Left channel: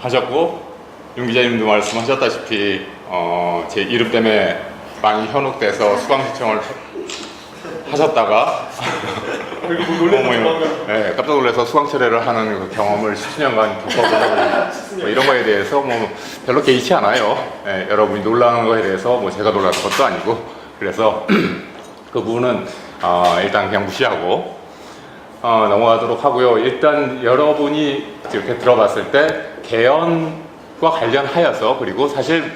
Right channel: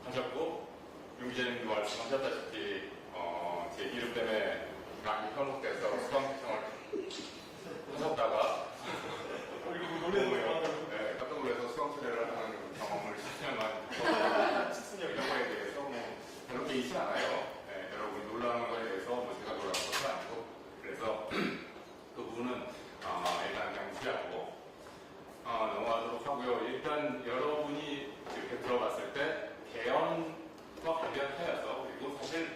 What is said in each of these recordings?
하셨고, 윤 기자님도 말씀하셨다시피 제 이름 때문에 많이 현혹돼서 수강 신청을 하셨다가 네, 깜짝 놀라서 수강 철회를 하는 그 경험을 10년간 겪어보고 뭐 이런 거에 대해서 뭐 별로 개의치 않아요. 네, 여러분이 놀라는 거에 대해서 뭐 제가 놀라는 것도 아니고, 그래서 그 부분은 일단 그냥 무시하고 넘어가도록 하고요. 일단 여러분이 이렇게 들어봤을 때 개헌과 관련하여서, 그리고 사실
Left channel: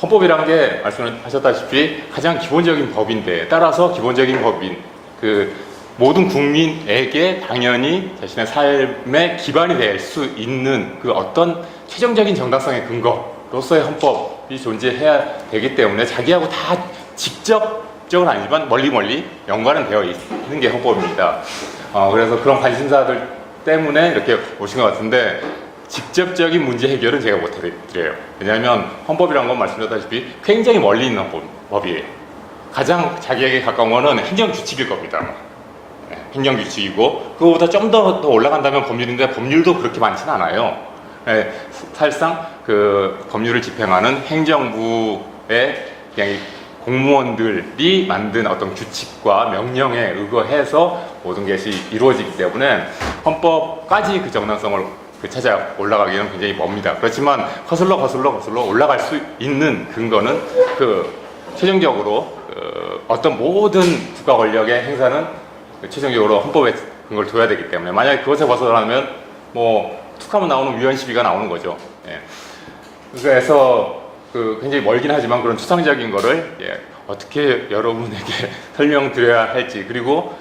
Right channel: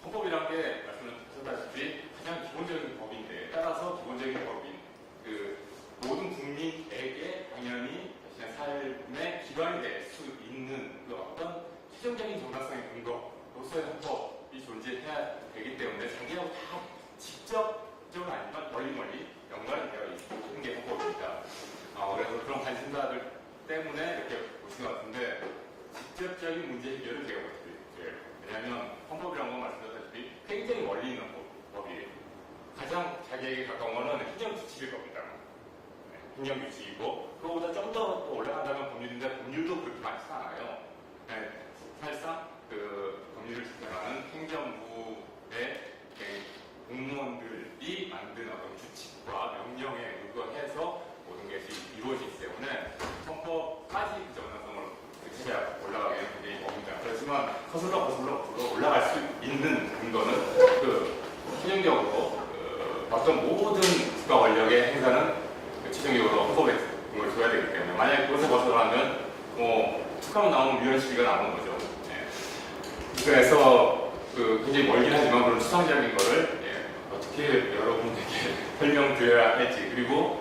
헌법이란 게 말씀하셨다시피 가장 기본적인 법인데, 따라서 기본적인 법인, 그 모든 국민에게 당연히 자신의 삶의 기반이 될 수 있는 그 어떤 최종적인 정당성의 근거로서의 헌법이 존재해야 되기 때문에, 자기하고 다 직접적은 아니지만 멀리 연관은 되어 있는 게 헌법입니다. 그래서 그런 관심사들 때문에 이렇게 오신 것 같은데, 직접적인 문제 해결은 제가 못 해드려요. 왜냐하면 헌법이라는 건 말씀드렸다시피 굉장히 멀리 있는 법이에요. 가장 자기에게 가까운 거는 행정규칙일 겁니다. 네, 행정규칙이고, 그거보다 좀 더 올라간다면 법률인데, 법률도 그렇게 많지는 않아요. 네, 사실상 그 법률을 집행하는 행정부의 그냥 공무원들이 만든 어떤 규칙과 명령에 의거해서 모든 것이 이루어지기 때문에 헌법까지 그 정당성을 찾아 올라가기는 굉장히 멉니다. 그렇지만 거슬러 올라갈 수 있는 근거는 그 최종적으로 어떤 모든 국가 권력의 행사는 최종적으로 헌법에 근거를 둬야 되기 때문에, 만약에 그것에 벗어나면 뭐 툭하면 나오는 위헌 시비가 나오는 거죠. 예. 그래서 굉장히 멀긴 하지만 그런 추상적인 거를 어떻게 여러분에게 설명드려야 할지, 그리고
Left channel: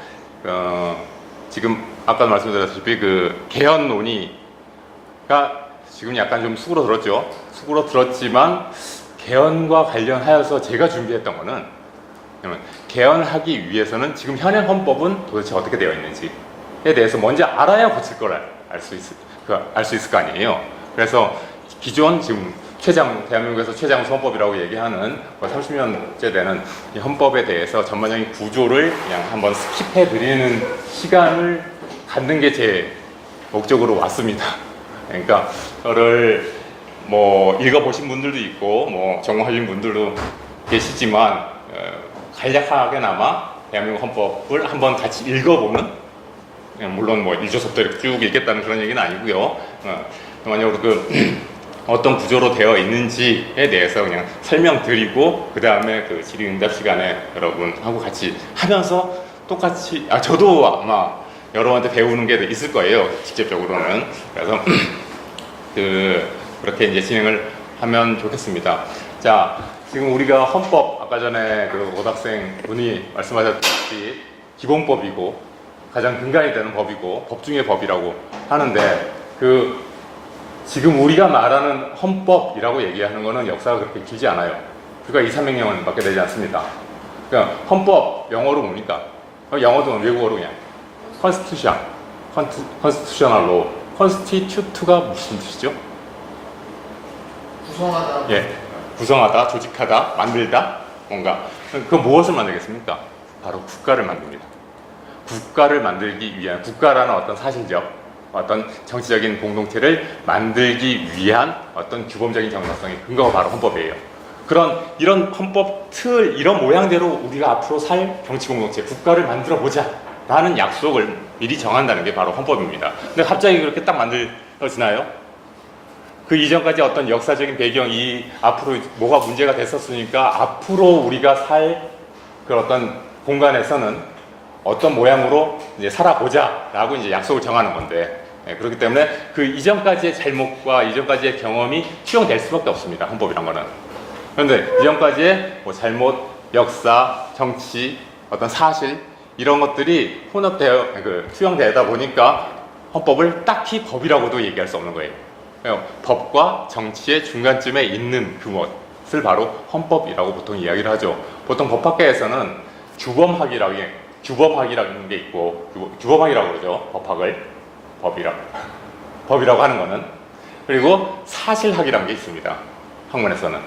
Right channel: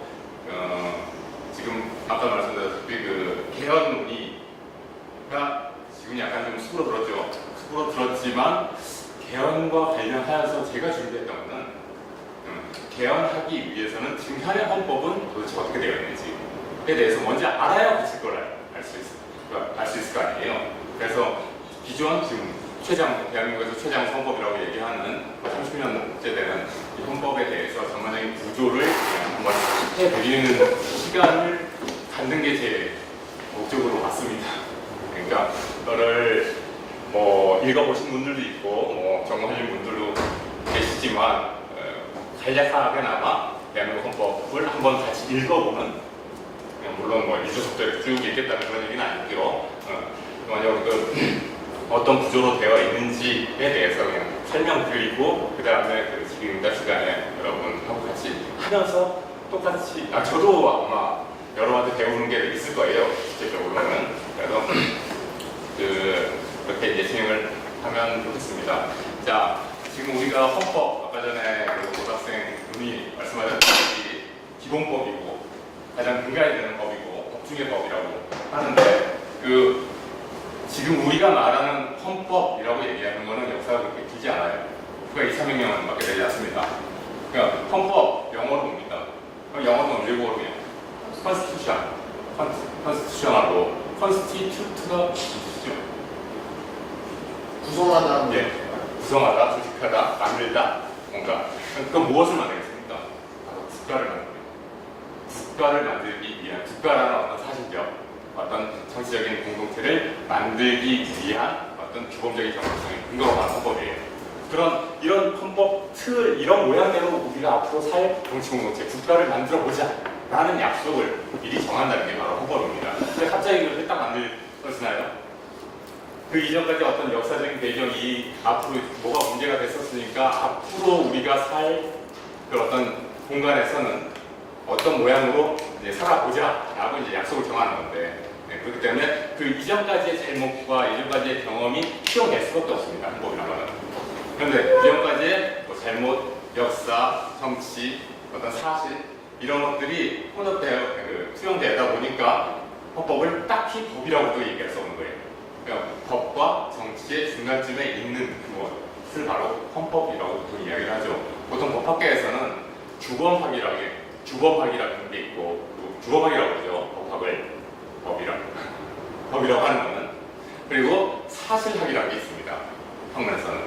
지금 아까 말씀드렸다시피 그 개헌 논의가 지금 약간 좀 수그러들었죠. 수그러들었지만 개헌과 관련하여서 제가 준비했던 거는, 개헌하기 위해서는 지금 현행 헌법은 도대체 어떻게 되어 있는지에 대해서 먼저 알아야 고칠 걸 알 수 있을 거 아니에요. 그래서 기존 지금 대한민국에서 최장수 헌법이라고 얘기하는 30년째 되는 이 헌법에 대해서 전반적인 구조를 그냥 한번 스킵해 드리는 시간을 갖는 게 제 목적으로 왔습니다. 그러니까 그거를 뭐 읽어보신 분들도 있고 뭐 전공하신 분들도 계시지만, 간략하게나마 대한민국 헌법을 한번 같이 읽어보는, 그냥 물론 뭐 1조서부터 이렇게 쭉 읽겠다는 그런 얘기는 아니고요. 만약에 어떤 구조로 되어 있는지에 대해서 그냥 설명드리고, 그 다음에 그 질의응답 시간에 여러분하고 같이 하면서 똑같이, 저도 아마 여러분한테 배우는 게 있을 거예요, 직접적으로는. 그래서 그렇게 이제 진행을 하면 좋겠습니다. 자, 지금 우리가 헌법, 아까 전에 그 고등학생 분이 말씀하셨듯이 기본법이고 가장 근간이 되는 법이고 법 중의 법이라고 하는데, 지금 우리가 말하는 헌법이라고 얘기하는 거는 역사가 그렇게 길지 않아요. 그러니까 2, 300년밖에 되지 않습니다. 그러니까 헌법, 영어로 뭡니까? 영어도 외국어로 그냥 constitutional law. constitute가 무슨 뜻이죠? 구성하다. 예, 구성하다, 조직하다, 만들다, 뭔가. 그 무엇을 만들겠습니까? 바로 국가를 만듭니다. 국가를 만들기 위한, 국가라는 어떤 사실적, 어떤 정치적인 공동체를 만들기 위한 어떤 규범적인 정당성의 근거가 바로 헌법이에요. 이런 헌법 틀, 이런 모양대로 우리가 앞으로 살 정치 공동체, 국가를 만들어 보자 라는 약속을 미리 정한다는 게 바로 헌법입니다. 근데 갑자기 그렇게 딱 만들어지나요? 그 이전까지 어떤 역사적인 배경이 앞으로 뭐가 문제가 됐었으니까 앞으로 우리가 살 그 어떤 공간에서는 어떤 모양으로 이제 살아보자 라고 이제 약속을 정하는 건데, 그렇기 때문에 그 이전까지의 잘못과 이전까지의 경험이 수용될 수밖에 없습니다, 헌법이란 거는. 그런데 이전까지의 뭐 잘못, 역사, 정치, 어떤 사실, 이런 것들이 수용되다 보니까 헌법을 딱히 법이라고도 얘기할 수 없는 거예요. 법과 정치의 중간쯤에 있는 그것을 바로 헌법이라고 보통 이야기를 하죠. 보통 법학계에서는 규범학이라는 게 있고, 규범학이라고 그러죠. 법이라고 하는 거는. 그리고 사실학이라는 게 있습니다, 학문에서는.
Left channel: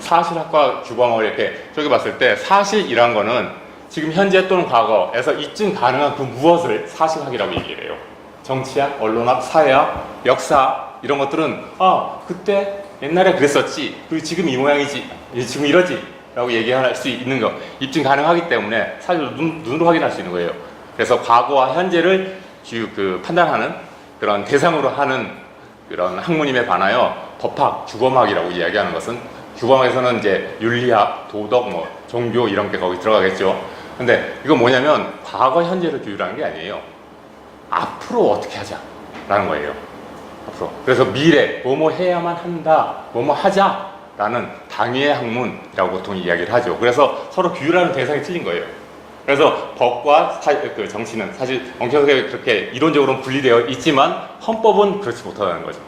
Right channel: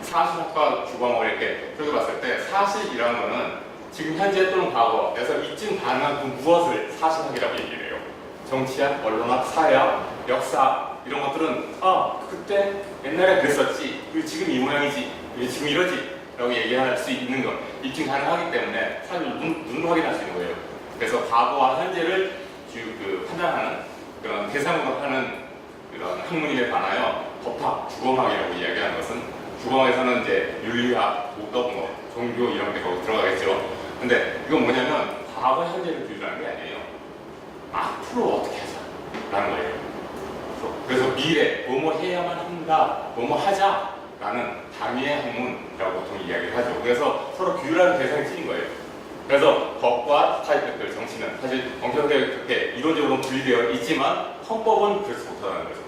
사실학과 규범학을 이렇게 쪼개봤을 때, 사실이란 거는 지금 현재 또는 과거에서 입증 가능한 그 무엇을 사실학이라고 얘기를 해요. 정치학, 언론학, 사회학, 역사, 이런 것들은 그때 옛날에 그랬었지, 그리고 지금 이 모양이지, 지금 이러지 라고 얘기할 수 있는 거, 입증 가능하기 때문에 사실 눈으로 확인할 수 있는 거예요. 그래서 과거와 현재를 판단하는 그런 대상으로 하는 그런 학문임에 관하여 법학, 규범학이라고 이야기하는 것은, 규범에서는 이제 윤리학, 도덕, 종교 이런 게 거기 들어가겠죠. 근데 이건 뭐냐면 과거, 현재를 규율하는 게 아니에요. 앞으로 어떻게 하자라는 거예요. 그래서 미래, 뭐뭐 해야만 한다, 뭐뭐 하자라는 당위의 학문이라고 보통 이야기를 하죠. 그래서 서로 규율하는 대상이 틀린 거예요. 그래서 법과 정치는 사실 엄격하게 그렇게 이론적으로는 분리되어 있지만 헌법은 그렇지 못하다는 거죠.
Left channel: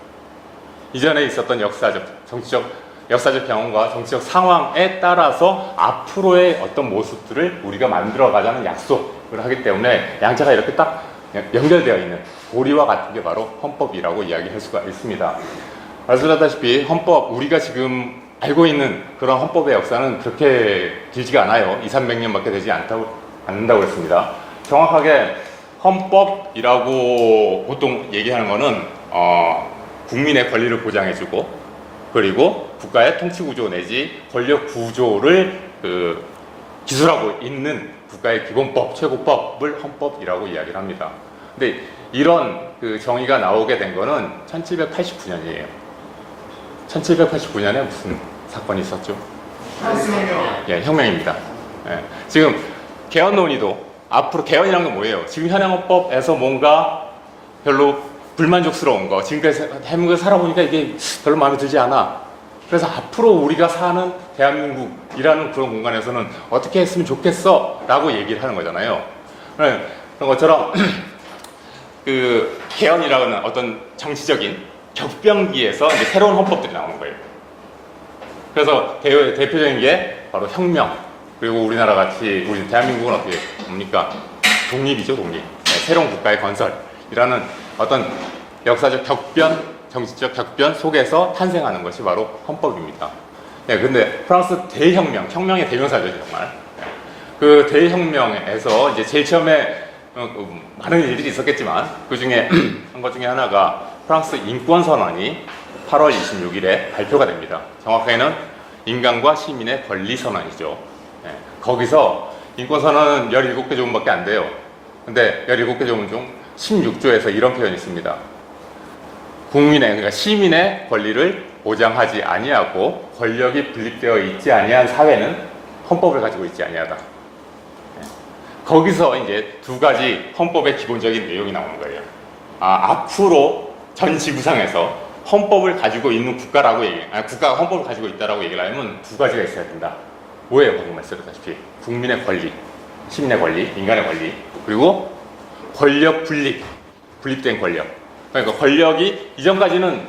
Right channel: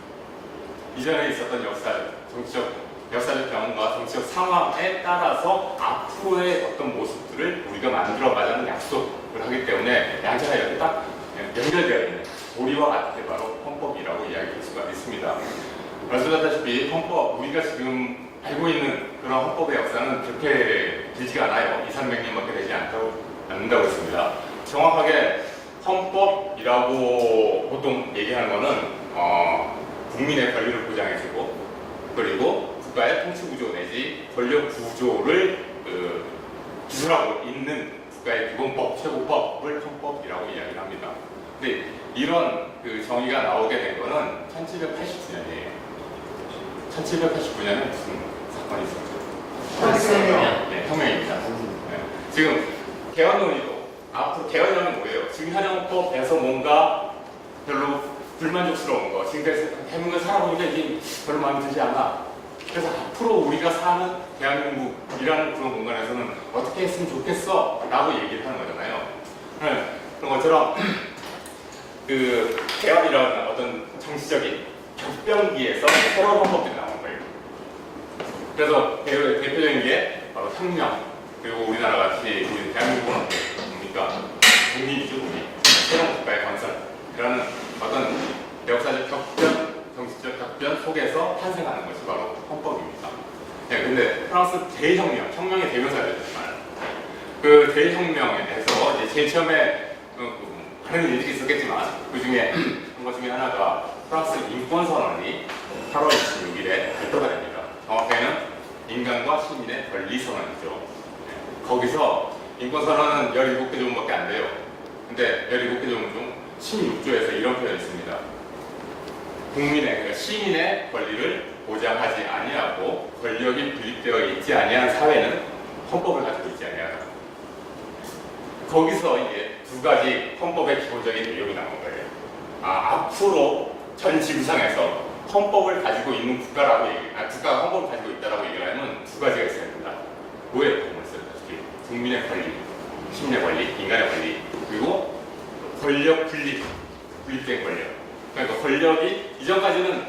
이전에 있었던 역사적 경험과 정치적 상황에 따라서 앞으로의 어떤 모습들을 우리가 만들어가자는 약속을 하기 때문에 양자가 이렇게 딱 연결되어 있는 고리와 같은 게 바로 헌법이라고 이야기할 수가 있습니다. 말씀드렸다시피 헌법, 우리가 지금 알고 있는 그런 헌법의 역사는 그렇게 길지가 않아요. 200~300년밖에 되지 않는다고 그랬습니다. 정확하게 헌법이라고 보통 얘기하는 거는 국민의 권리를 보장해주고, 그리고 국가의 통치구조 내지 권력구조를 기술하고 있는 국가의 기본법, 최고법을 헌법이라고 이야기를 합니다. 근데 이런 정의가 나오게 된 거는 1789년이에요. 1789년에 무슨 사건이 있었죠? 예, 혁명입니다. 예. 지금 개헌 논의도, 앞으로 개헌이라는 건 뭐예요? 지금 현행 헌법에서 뭔가 별로 불만족스러운 거, 지금까지 대한민국에 살아보니까 이게 별로 마음에 들지 않아. 그래서 앞으로 우리가 사는 대한민국이라는 그런 공간에서는 어떻게 했으면 좋겠어 라고 얘기를 하는 거잖아요. 네, 그런 것처럼 개헌이라는 어떤 정치적인 격변기에서 새로운 헌법들이 나오는 거예요. 그래서 대표적인 게 바로 혁명, 그리고 우리나라 같이, 우리 대한민국은 어떻게 뭡니까? 독립이죠, 독립. 네, 새로운 국가의 건설이라는 어떤 역사적 격변, 정치적 격변 속에서 탄생하는 것이 바로 헌법입니다. 네, 근데 프랑스 대혁명, 혁명의 대명사죠, 정말. 그 대혁명에서 이제 제일 처음에 많은 일들이 있었겠지만 그 중에 한 것 중에 하나가 프랑스 인권선언이 8월 26일에 발표가 됩니다. 정확하게는 인간과 시민의 권리선언이죠. 네, 거기서 인권선언은 17개 조문밖에 안 돼요. 근데 17개 조문 중 16조에서 이런 표현이 있습니다. 그러니까 시민의 권리를 보장하지 아니하고 권력이 분립되어 있지 아니한 사회는 헌법을 가지고 있지 아니하다. 거기서 이제 두 가지 헌법의 기본적인 내용이 나오는 거예요. 앞으로 전 지구상에서 헌법을 가지고 있는 국가라고 국가가 헌법을 가지고 있다라고 얘기를 하면 두 가지가 있어야 된다. 뭐예요? 방금 말씀드렸다시피 국민의 권리, 시민의 권리, 인간의 권리, 그리고 권력 분립된 권력. 그러니까 권력이 이전까지는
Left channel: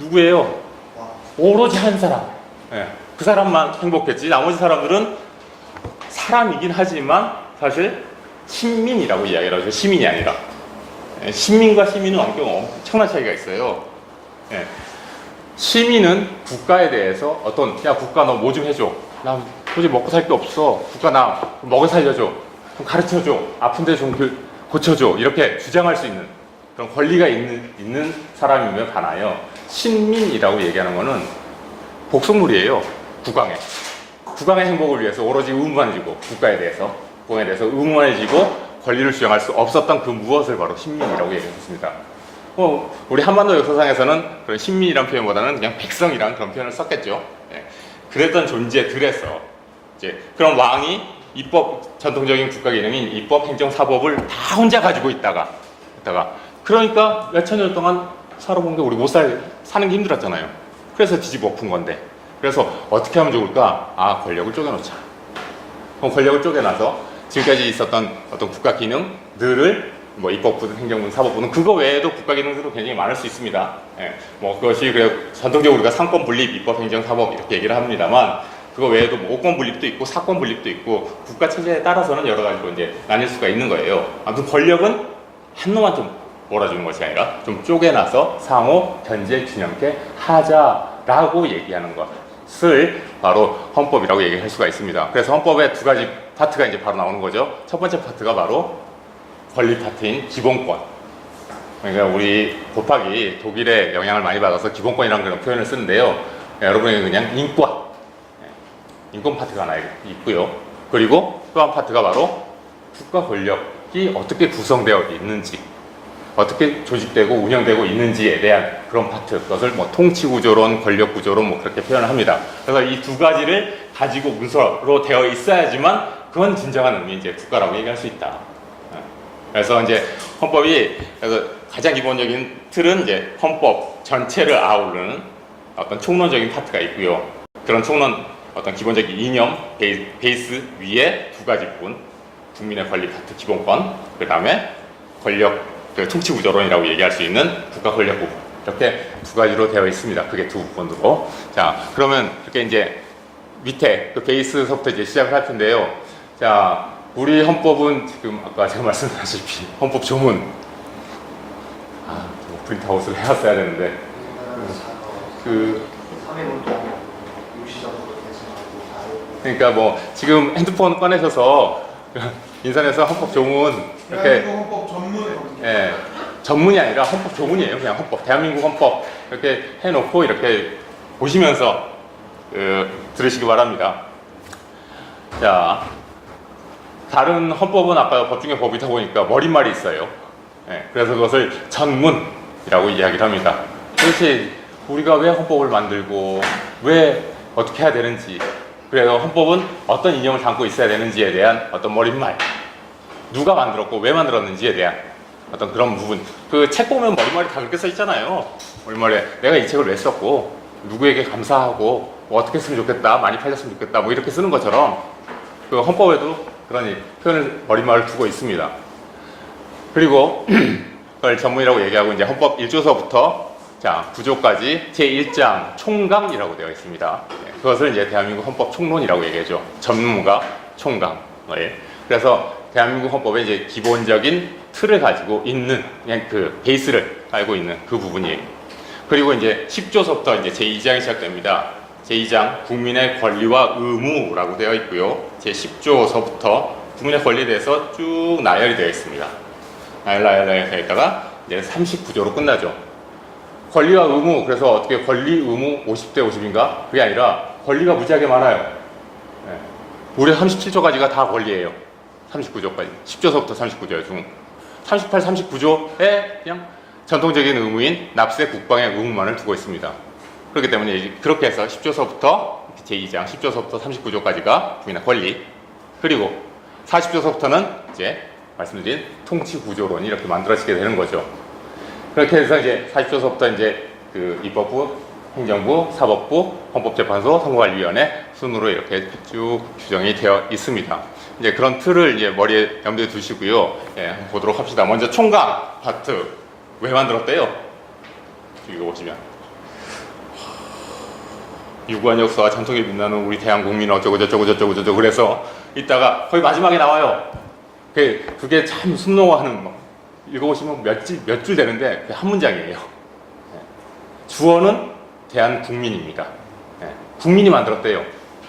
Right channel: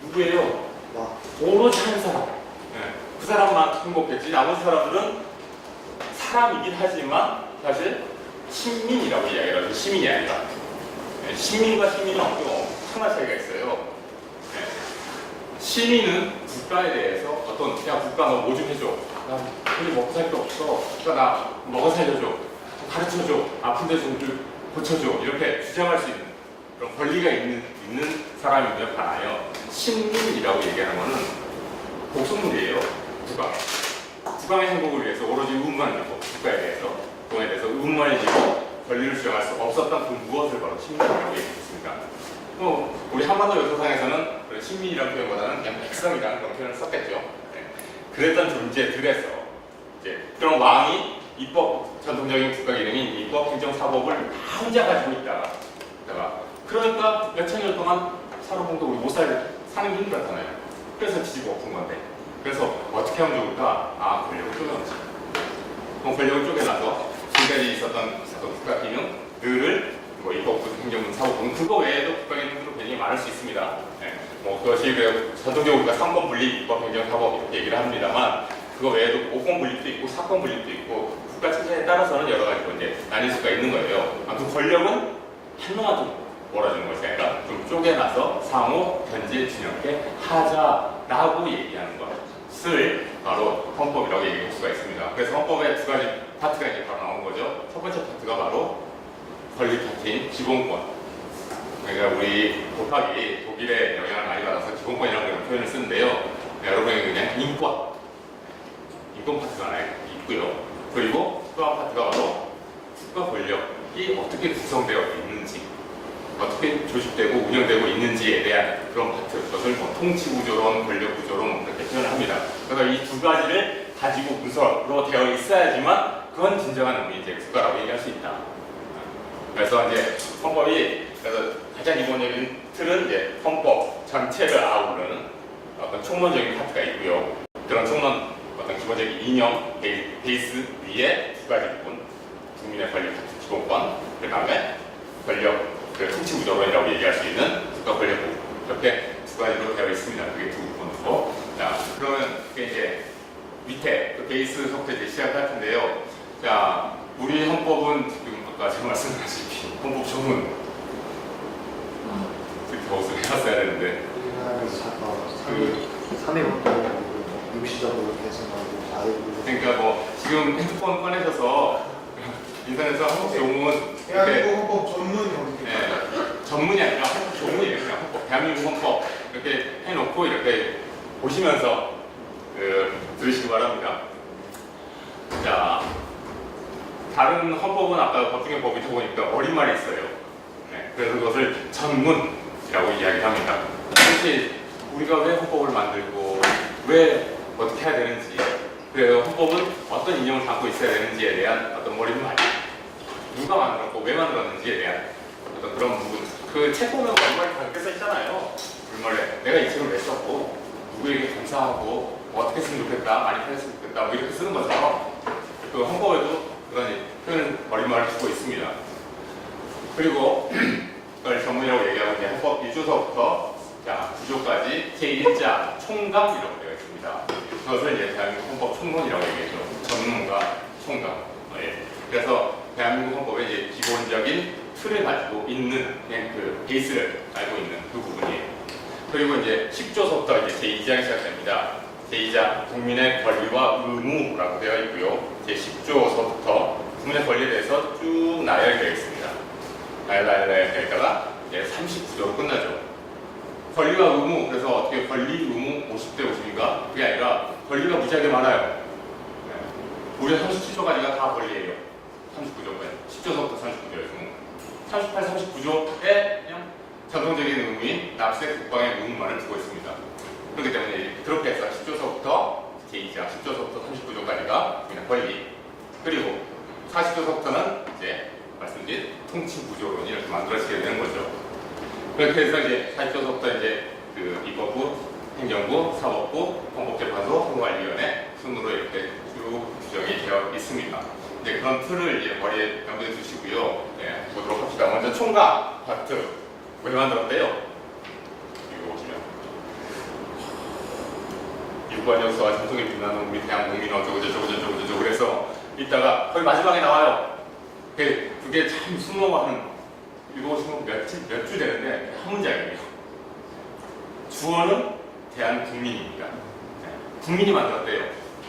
누구예요? 오로지 한 사람. 네. 그 사람만 행복했지. 나머지 사람들은 사람이긴 하지만 사실 신민이라고 이야기를 하죠. 시민이 아니라. 네. 시민과 시민은 엄청난 차이가 있어요. 네. 시민은 국가에 대해서 국가 너 뭐 좀 해줘. 나 도저히 먹고 살 게 없어. 국가 나 먹여 살려줘. 가르쳐줘. 아픈데 좀 고쳐줘. 이렇게 주장할 수 있는 그런 권리가 있는 사람이며 반하여 신민이라고 얘기하는 것은 복속물이에요. 국왕의 행복을 위해서 오로지 의무만지고 국가에 대해서 의무만지고 권리를 주장할 수 없었던 그 무엇을 바로 신민이라고 얘기했습니다. 우리 한반도 역사상에서는 그런 신민이라는 표현보다는 그냥 백성이라는 그런 표현을 썼겠죠. 네. 그랬던 존재들에서 이제 그런 왕이 전통적인 국가 기능인 입법, 행정, 사법을 다 혼자 가지고 있다가 그러니까 몇천 년 동안 살아본 게 우리 사는 게 힘들었잖아요. 그래서 뒤집어 엎은 건데. 그래서 어떻게 하면 좋을까? 권력을 쪼개놓자. 그럼 권력을 쪼개놔서 지금까지 있었던 어떤 국가 기능들을 입법부든 행정부든 사법부든 그거 외에도 국가 기능들도 굉장히 많을 수 있습니다. 예, 그것이 전통적으로 우리가 상권 분립, 입법, 행정, 사법 이렇게 얘기를 합니다만 그거 외에도 오권 분립도 있고 사권 분립도 있고 국가 체제에 따라서는 여러 가지로 이제 나뉠 수가 있는 거예요. 아무튼 권력은 한 놈만 좀 몰아주는 것이 아니라 좀 쪼개놔서 상호 견제 균형케 하자라고 얘기하는 것을 바로 헌법이라고 얘기할 수가 있습니다. 그래서 헌법의 두 가지 파트가 이제 바로 나오는 거죠. 첫 번째 파트가 바로 권리 파트인 기본권. 그러니까 우리 곱하기 독일의 영향을 많이 받아서 기본권이라는 그런 표현을 쓰는데요. 여러분이 그냥 인권 파트가 하나 있고요. 그리고 또 한 파트가 바로 국가 권력이 어떻게 구성되어 있는지, 어떻게 조직되고 운영되고 있는지에 대한 그런 파트, 그것을 뭐 통치구조론, 권력구조론 뭐 그렇게 표현을 합니다. 그래서 이 두 가지를 가지고 문서로 되어 있어야지만 그건 진정한 의미 이제 국가라고 얘기할 수 있다. 그래서 이제 헌법이 가장 기본적인 틀은 이제 헌법 전체를 아우르는 어떤 총론적인 파트가 있고요. 그런 총론 어떤 기본적인 이념 베이스 위에 두 가지 부분, 국민의 권리 파트 기본권, 그 다음에 권력 통치 구조론이라고 얘기할 수 있는 국가 권력 부분, 이렇게 두 가지로 되어 있습니다. 그게 두 부분으로. 자, 그러면 이렇게 이제 밑에 그 베이스서부터 이제 시작을 할 텐데요. 자, 우리 헌법은 지금 아까 제가 말씀드렸다시피 헌법 조문 프린트아웃을 해왔어야 되는데 그 3회분도 임시적으로 대신하고 다르고. 그러니까 뭐 지금 핸드폰 꺼내셔서 인터넷에서 헌법 조문 이렇게 대한민국 헌법 전문이거든요. 예, 전문이 아니라 헌법 조문이에요. 그냥 헌법 대한민국 헌법 이렇게 해놓고 이렇게 보시면서 들으시기 바랍니다. 자, 다른 헌법은 아까 법 중에 법이다 보니까 머릿말이 있어요. 예, 그래서 그것을 전문이라고 이야기를 합니다. 도대체 우리가 왜 헌법을 만들고 왜 어떻게 해야 되는지, 그래서 헌법은 어떤 이념을 담고 있어야 되는지에 대한 어떤 머릿말, 누가 만들었고 왜 만들었는지에 대한 어떤 그런 부분. 그 책 보면 머릿말이 다 그렇게 써 있잖아요. 머릿말에 내가 이 책을 왜 썼고 누구에게 감사하고 뭐 어떻게 했으면 좋겠다, 많이 팔렸으면 좋겠다, 뭐 이렇게 쓰는 것처럼 그 헌법에도 그런 표현을 머릿말을 두고 있습니다. 그리고 그걸 전문이라고 얘기하고 이제 헌법 1조서부터 자 9조까지 제1장 총강이라고 되어 있습니다. 그것을 이제 대한민국 헌법 총론이라고 얘기하죠. 전무가 총강. 그래서 대한민국 헌법의 이제 기본적인 틀을 가지고 있는 그냥 그 베이스를 알고 있는 그 부분이에요. 그리고 이제 10조서부터 이제 제2장이 시작됩니다. 제2장 국민의 권리와 의무라고 되어 있고요. 제10조서부터 국민의 권리에 대해서 쭉 나열이 되어 있습니다. 나열되어 있다가 이제 39조로 끝나죠. 권리와 의무, 그래서 어떻게 권리, 의무 50대 50인가? 그게 아니라 권리가 무지하게 많아요. 우리 37조까지가 다 권리예요. 39조까지. 10조서부터 39조예요. 38, 39조에 그냥 전통적인 의무인 납세 국방의 의무만을 두고 있습니다. 그렇기 때문에 이제 그렇게 해서 10조서부터 제2장, 10조서부터 39조까지가 국민의 권리, 그리고 40조서부터는 이제 말씀드린 통치구조론이 이렇게 만들어지게 되는 거죠. 그렇게 해서 이제 40조서부터 이제 그 입법부, 행정부, 사법부, 헌법재판소, 선거관리위원회 순으로 이렇게 쭉 규정이 되어 있습니다. 이제 그런 틀을 이제 머리에 염두에 두시고요. 예, 한번 보도록 합시다. 먼저 총각 파트 왜 만들었대요? 이거 보시면 유구한 역사와 전통에 빛나는 우리 대한국민 어쩌고 저쩌고 저쩌고 저쩌고 그래서 이따가 거의 마지막에 나와요. 그게 참 순노하는 읽어보시면 몇 줄 되는데 한 문장이에요. 주어는 대한국민입니다. 국민이 만들었대요.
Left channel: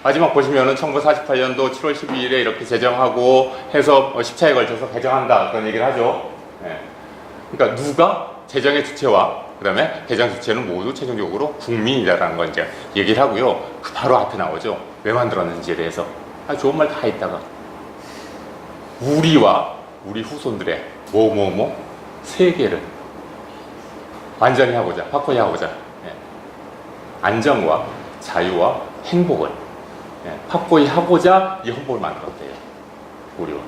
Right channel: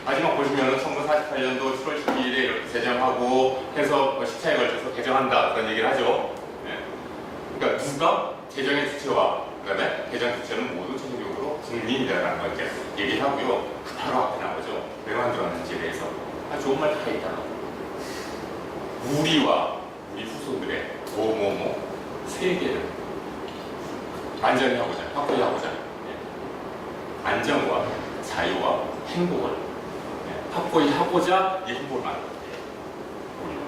마지막 보시면은 1948년도 7월 12일에 이렇게 제정하고 해서 10차에 걸쳐서 개정한다 그런 얘기를 하죠. 그러니까 누가 제정의 주체와 그 다음에 대정 주체는 모두 최종적으로 국민이다라는 걸 이제 얘기를 하고요. 그 바로 앞에 나오죠. 왜 만들었는지에 대해서 좋은 말 다 있다가 우리와 우리 후손들의 세계를 완전히 하고자, 확고히 하고자 안정과 자유와 행복을 확고히 하고자 이 헌법을 만들었대요. 우리와.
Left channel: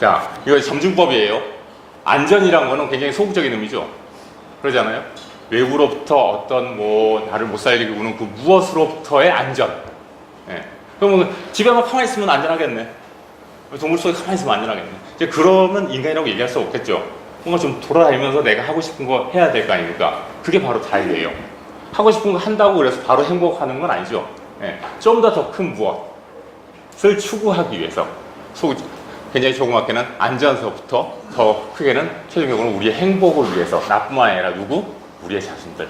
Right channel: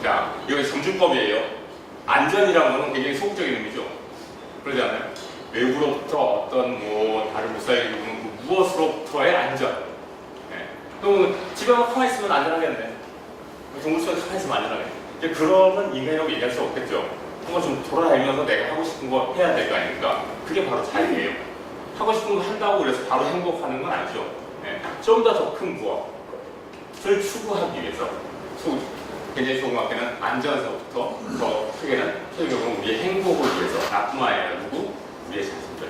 자, 이거 점증법이에요. 안전이란 거는 굉장히 소극적인 의미죠. 그러잖아요. 외부로부터 어떤 나를 못 살게 구는 그 무엇으로부터의 안전. 그러면 집에만 가만히 있으면 안전하겠네. 동물 속에 가만히 있으면 안전하겠네. 이제 그러면 인간이라고 얘기할 수 없겠죠. 뭔가 좀 돌아다니면서 내가 하고 싶은 거 해야 될 거 아닙니까? 그게 바로 자유예요. 하고 싶은 거 한다고 그래서 바로 행복하는 건 아니죠. 좀 더 큰 무엇을 추구하기 위해서 굉장히 조그맣게는 안전서부터 더 크게는 최종적으로 우리의 행복을 위해서 나뿐만 아니라 우리의 자신들,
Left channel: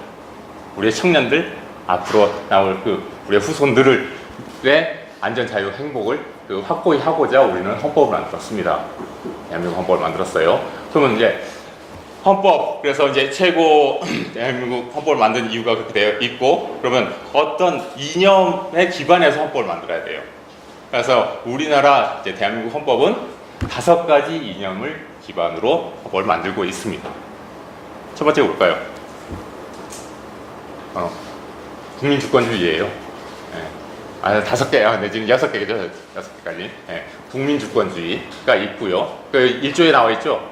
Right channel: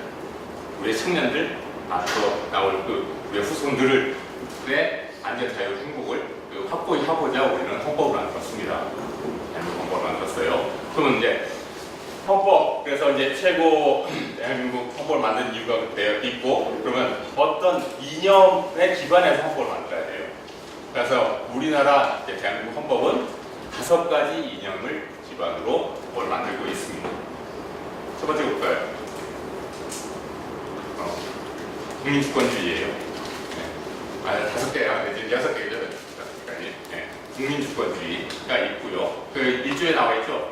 우리의 청년들, 앞으로 나올 우리의 후손들의 안전, 자유, 행복을 확고히 하고자 우리는 헌법을 만들었습니다. 대한민국 헌법을 만들었어요. 그러면 이제 헌법, 그래서 이제 최고 대한민국 헌법을 만든 이유가 그렇게 되어 있고, 그러면 어떤 이념에 기반해서 헌법을 만들어야 돼요. 그래서 우리나라 이제 대한민국 헌법은 5가지 이념을 기반으로 헌법을 만들고 있습니다. 첫 번째 볼까요? 국민주권주의예요. 네. 5개야. 네, 지금 6개죠. 6개까지. 네. 국민주권주의가 있고요. 그 1조에 나와 있죠.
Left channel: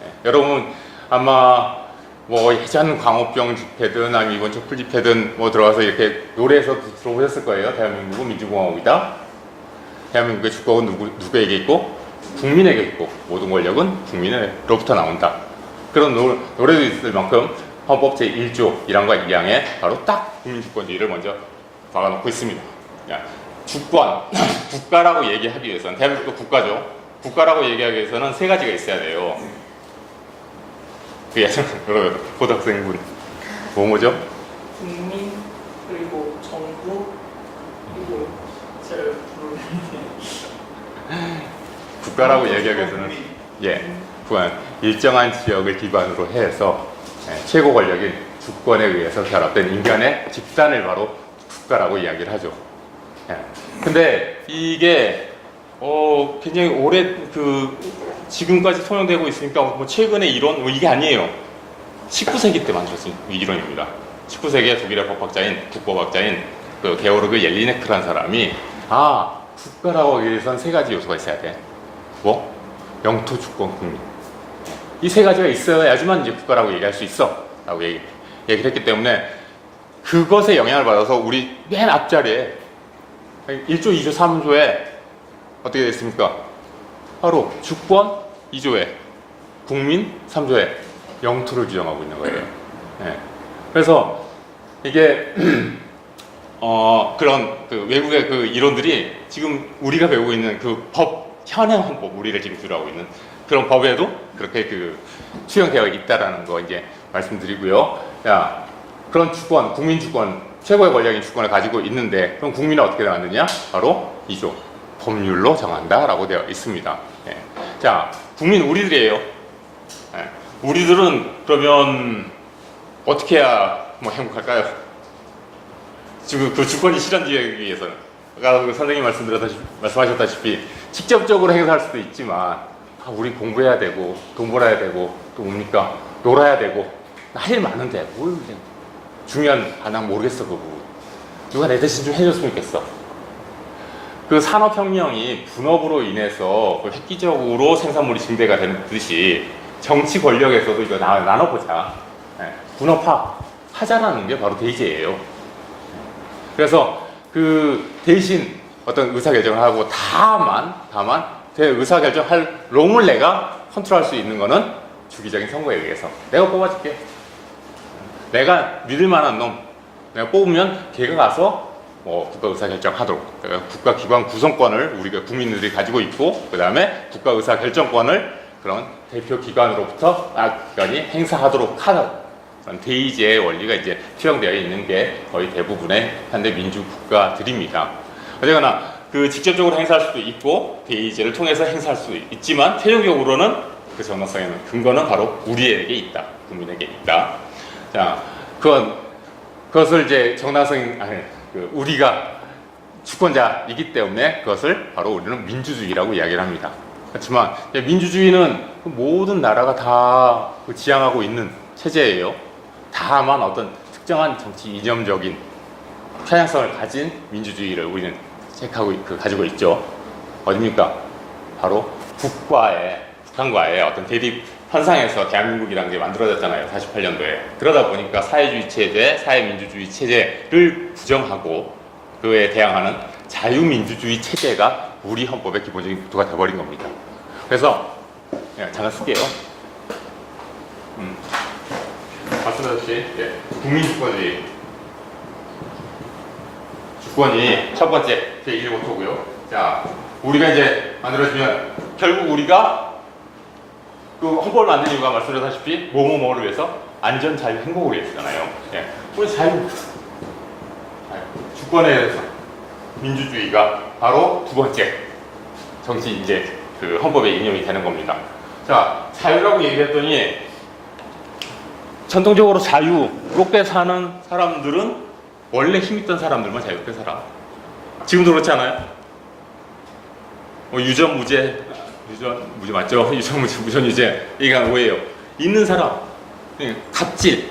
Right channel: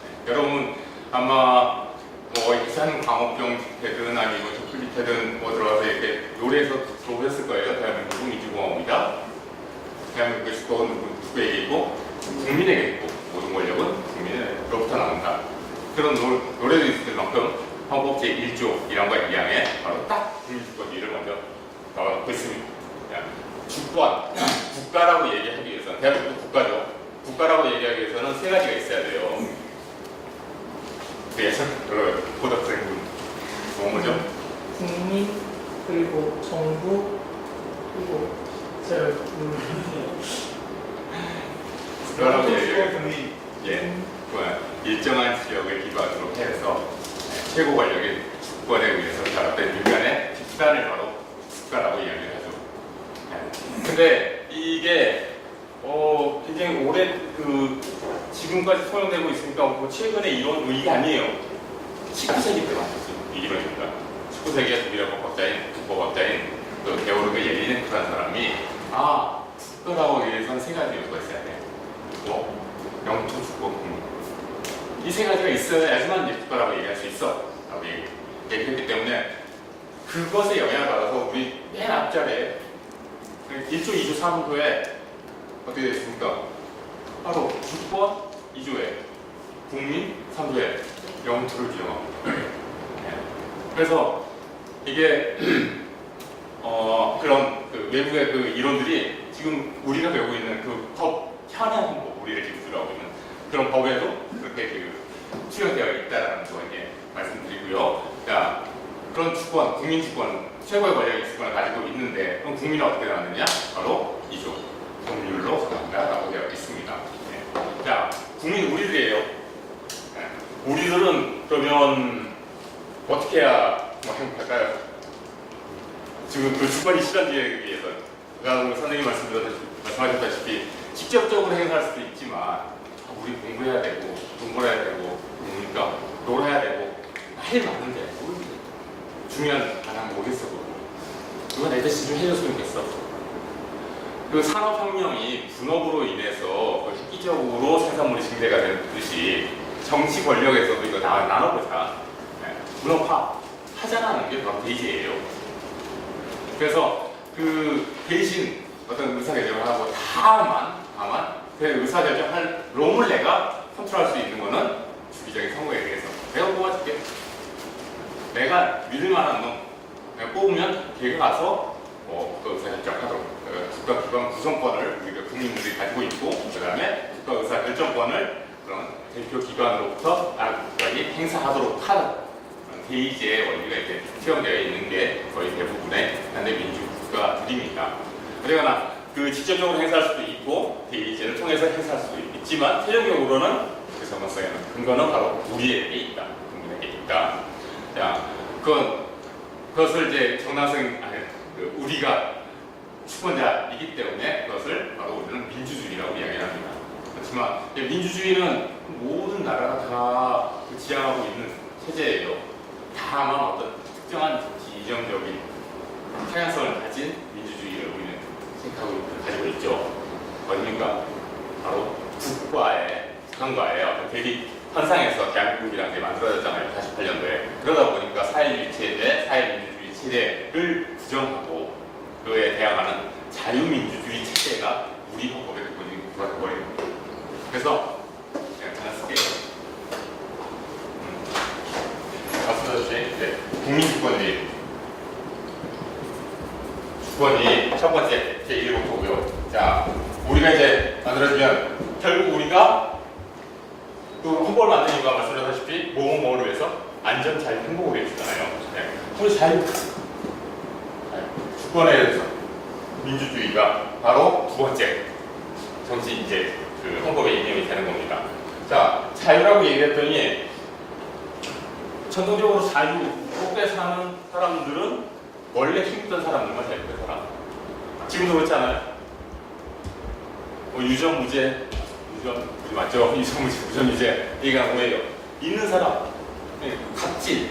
네. 여러분 아마 뭐 예전 광우병 집회든 아니면 이번 촛불 집회든 뭐 들어와서 이렇게 노래에서 들어보셨을 거예요. 대한민국은 민주공화국이다. 대한민국의 주권은 누구에게 있고 국민에게 있고 모든 권력은 국민으로부터 나온다. 그런 노래도 있을 만큼 헌법 제1조 1항과 2항에 바로 딱 국민주권주의를 먼저 박아놓고 있습니다. 주권, 국가라고 얘기하기 위해서는, 대한민국도 국가죠. 국가라고 얘기하기 위해서는 3가지가 있어야 돼요. 그 예전 고등학생분 뭐죠? 국민, 그리고 정부, 그리고 잘 국가라고 얘기하기 위해서는 일정한 지역을 기반으로 해서 최고 권력인 주권에 의해서 결합된 인간의 집단을 바로 국가라고 이야기를 하죠. 근데 이게 굉장히 오래 지금까지 통용되고 있으니까 뭐 최근의 이론 이게 아니에요. 19세기 때 만들어진 이론입니다. 19세기의 독일의 국법학자인 그 게오르그 옐리네크라는 사람이 국가라고 하기 위해서는 3가지 요소가 있어야 돼. 뭐? 영토, 주권, 국민. 이 3가지가 있어야지만 이제 국가라고 얘기할 수 있어. 라고 얘기를 했기 때문에 그것에 영향을 받아서 우리 맨 앞자리에 1조, 2조, 3조에 어떻게 됐습니까? 바로 주권 2조에 국민 3조에 영토를 규정하고 있는 거예요. 네. 그래서 이게 그런 외국의 그 이론들이 지금 우리가 배우고 있는 그 현행 헌법, 우리를 지금 주류하고 있는 그런 법에도 그렇게 수용되어 있다라는 거 이제 말씀드리고요. 그런 주권, 국민 주권, 최고의 권력인 주권을 가지고 있는데, 그럼 국민은 어떻게 만드냐? 바로 2조 법률로 정한다라고 되어 있습니다. 네. 자, 국민 우리들이에요. 네. 우리들은 그러면 어떻게 해야 행복할까요? 지금 그 주권이 실현되기 위해서는 아까 선생님이 말씀하셨다시피 직접적으로 행사할 수도 있지만 우리 공부해야 되고 돈 벌어야 되고 또 뭡니까? 놀아야 되고 할 일 많은데 뭘 중요한 난 모르겠어. 누가 내 대신 좀 해줬으면 좋겠어. 그 산업혁명이 분업으로 인해서 획기적으로 생산물이 증대가 되는 듯이 정치 권력에서도 이거 나눠보자. 분업화 하자라는 게 바로 대의제예요. 그래서 그 대신 어떤 의사결정을 하고 다만 그 의사결정할 롱을 내가 컨트롤할 수 있는 거는 주기적인 선거에 의해서 내가 뽑아줄게. 내가 믿을 만한 놈 내가 뽑으면 걔가 가서 국가 의사결정하도록 국가 기관 구성권을 우리가 국민들이 가지고 있고 그 다음에 국가 의사결정권을 그런 대표 기관으로부터 나까지 행사하도록 하는 대의제의 원리가 이제 수용되어 있는 게 거의 대부분의 현대 민주 국가들입니다. 어쨌거나 직접적으로 행사할 수도 있고 대의제를 통해서 행사할 수도 있지만 최종적으로는 그 정당성에는 근거는 바로 우리에게 있다, 국민에게 있다. 자, 그것을 이제 우리가 주권자이기 때문에 그것을 바로 우리는 민주주의라고 이야기를 합니다. 그렇지만 민주주의는 모든 나라가 다 지향하고 있는 체제예요. 다만 어떤 특정한 정치 이념적인 편향성을 가진 민주주의를 우리는 가지고 있죠. 어딥니까? 바로 북한과의 어떤 대립 현상에서 대한민국이라는 게 만들어졌잖아요. 48년도에. 그러다 보니까 사회주의 체제, 사회민주주의 체제를 부정하고 그에 대항하는 자유민주주의 체제가 우리 헌법의 기본적인 구조가 되어버린 겁니다. 그래서 그냥 잠깐 쓸게요. 말씀하셨듯이 국민주권이 첫 번째 제1호토고요. 자, 우리가 이제 만들어지면 결국 우리가 그 헌법을 만든 이유가 말씀드렸다시피 뭐를 위해서 안전, 자유, 행복을 위해서잖아요. 우리 자유, 주권에 의해서 민주주의가 바로 두 번째 정치 이제 헌법의 인용이 되는 겁니다. 자, 자유라고 얘기했더니 전통적으로 자유롭게 사는 사람들은 원래 힘있던 사람들만 자유롭게 살아. 지금도 그렇지 않아요? 유전 무죄 맞죠? 무전 유죄 얘기가 뭐예요? 있는 사람, 갑질,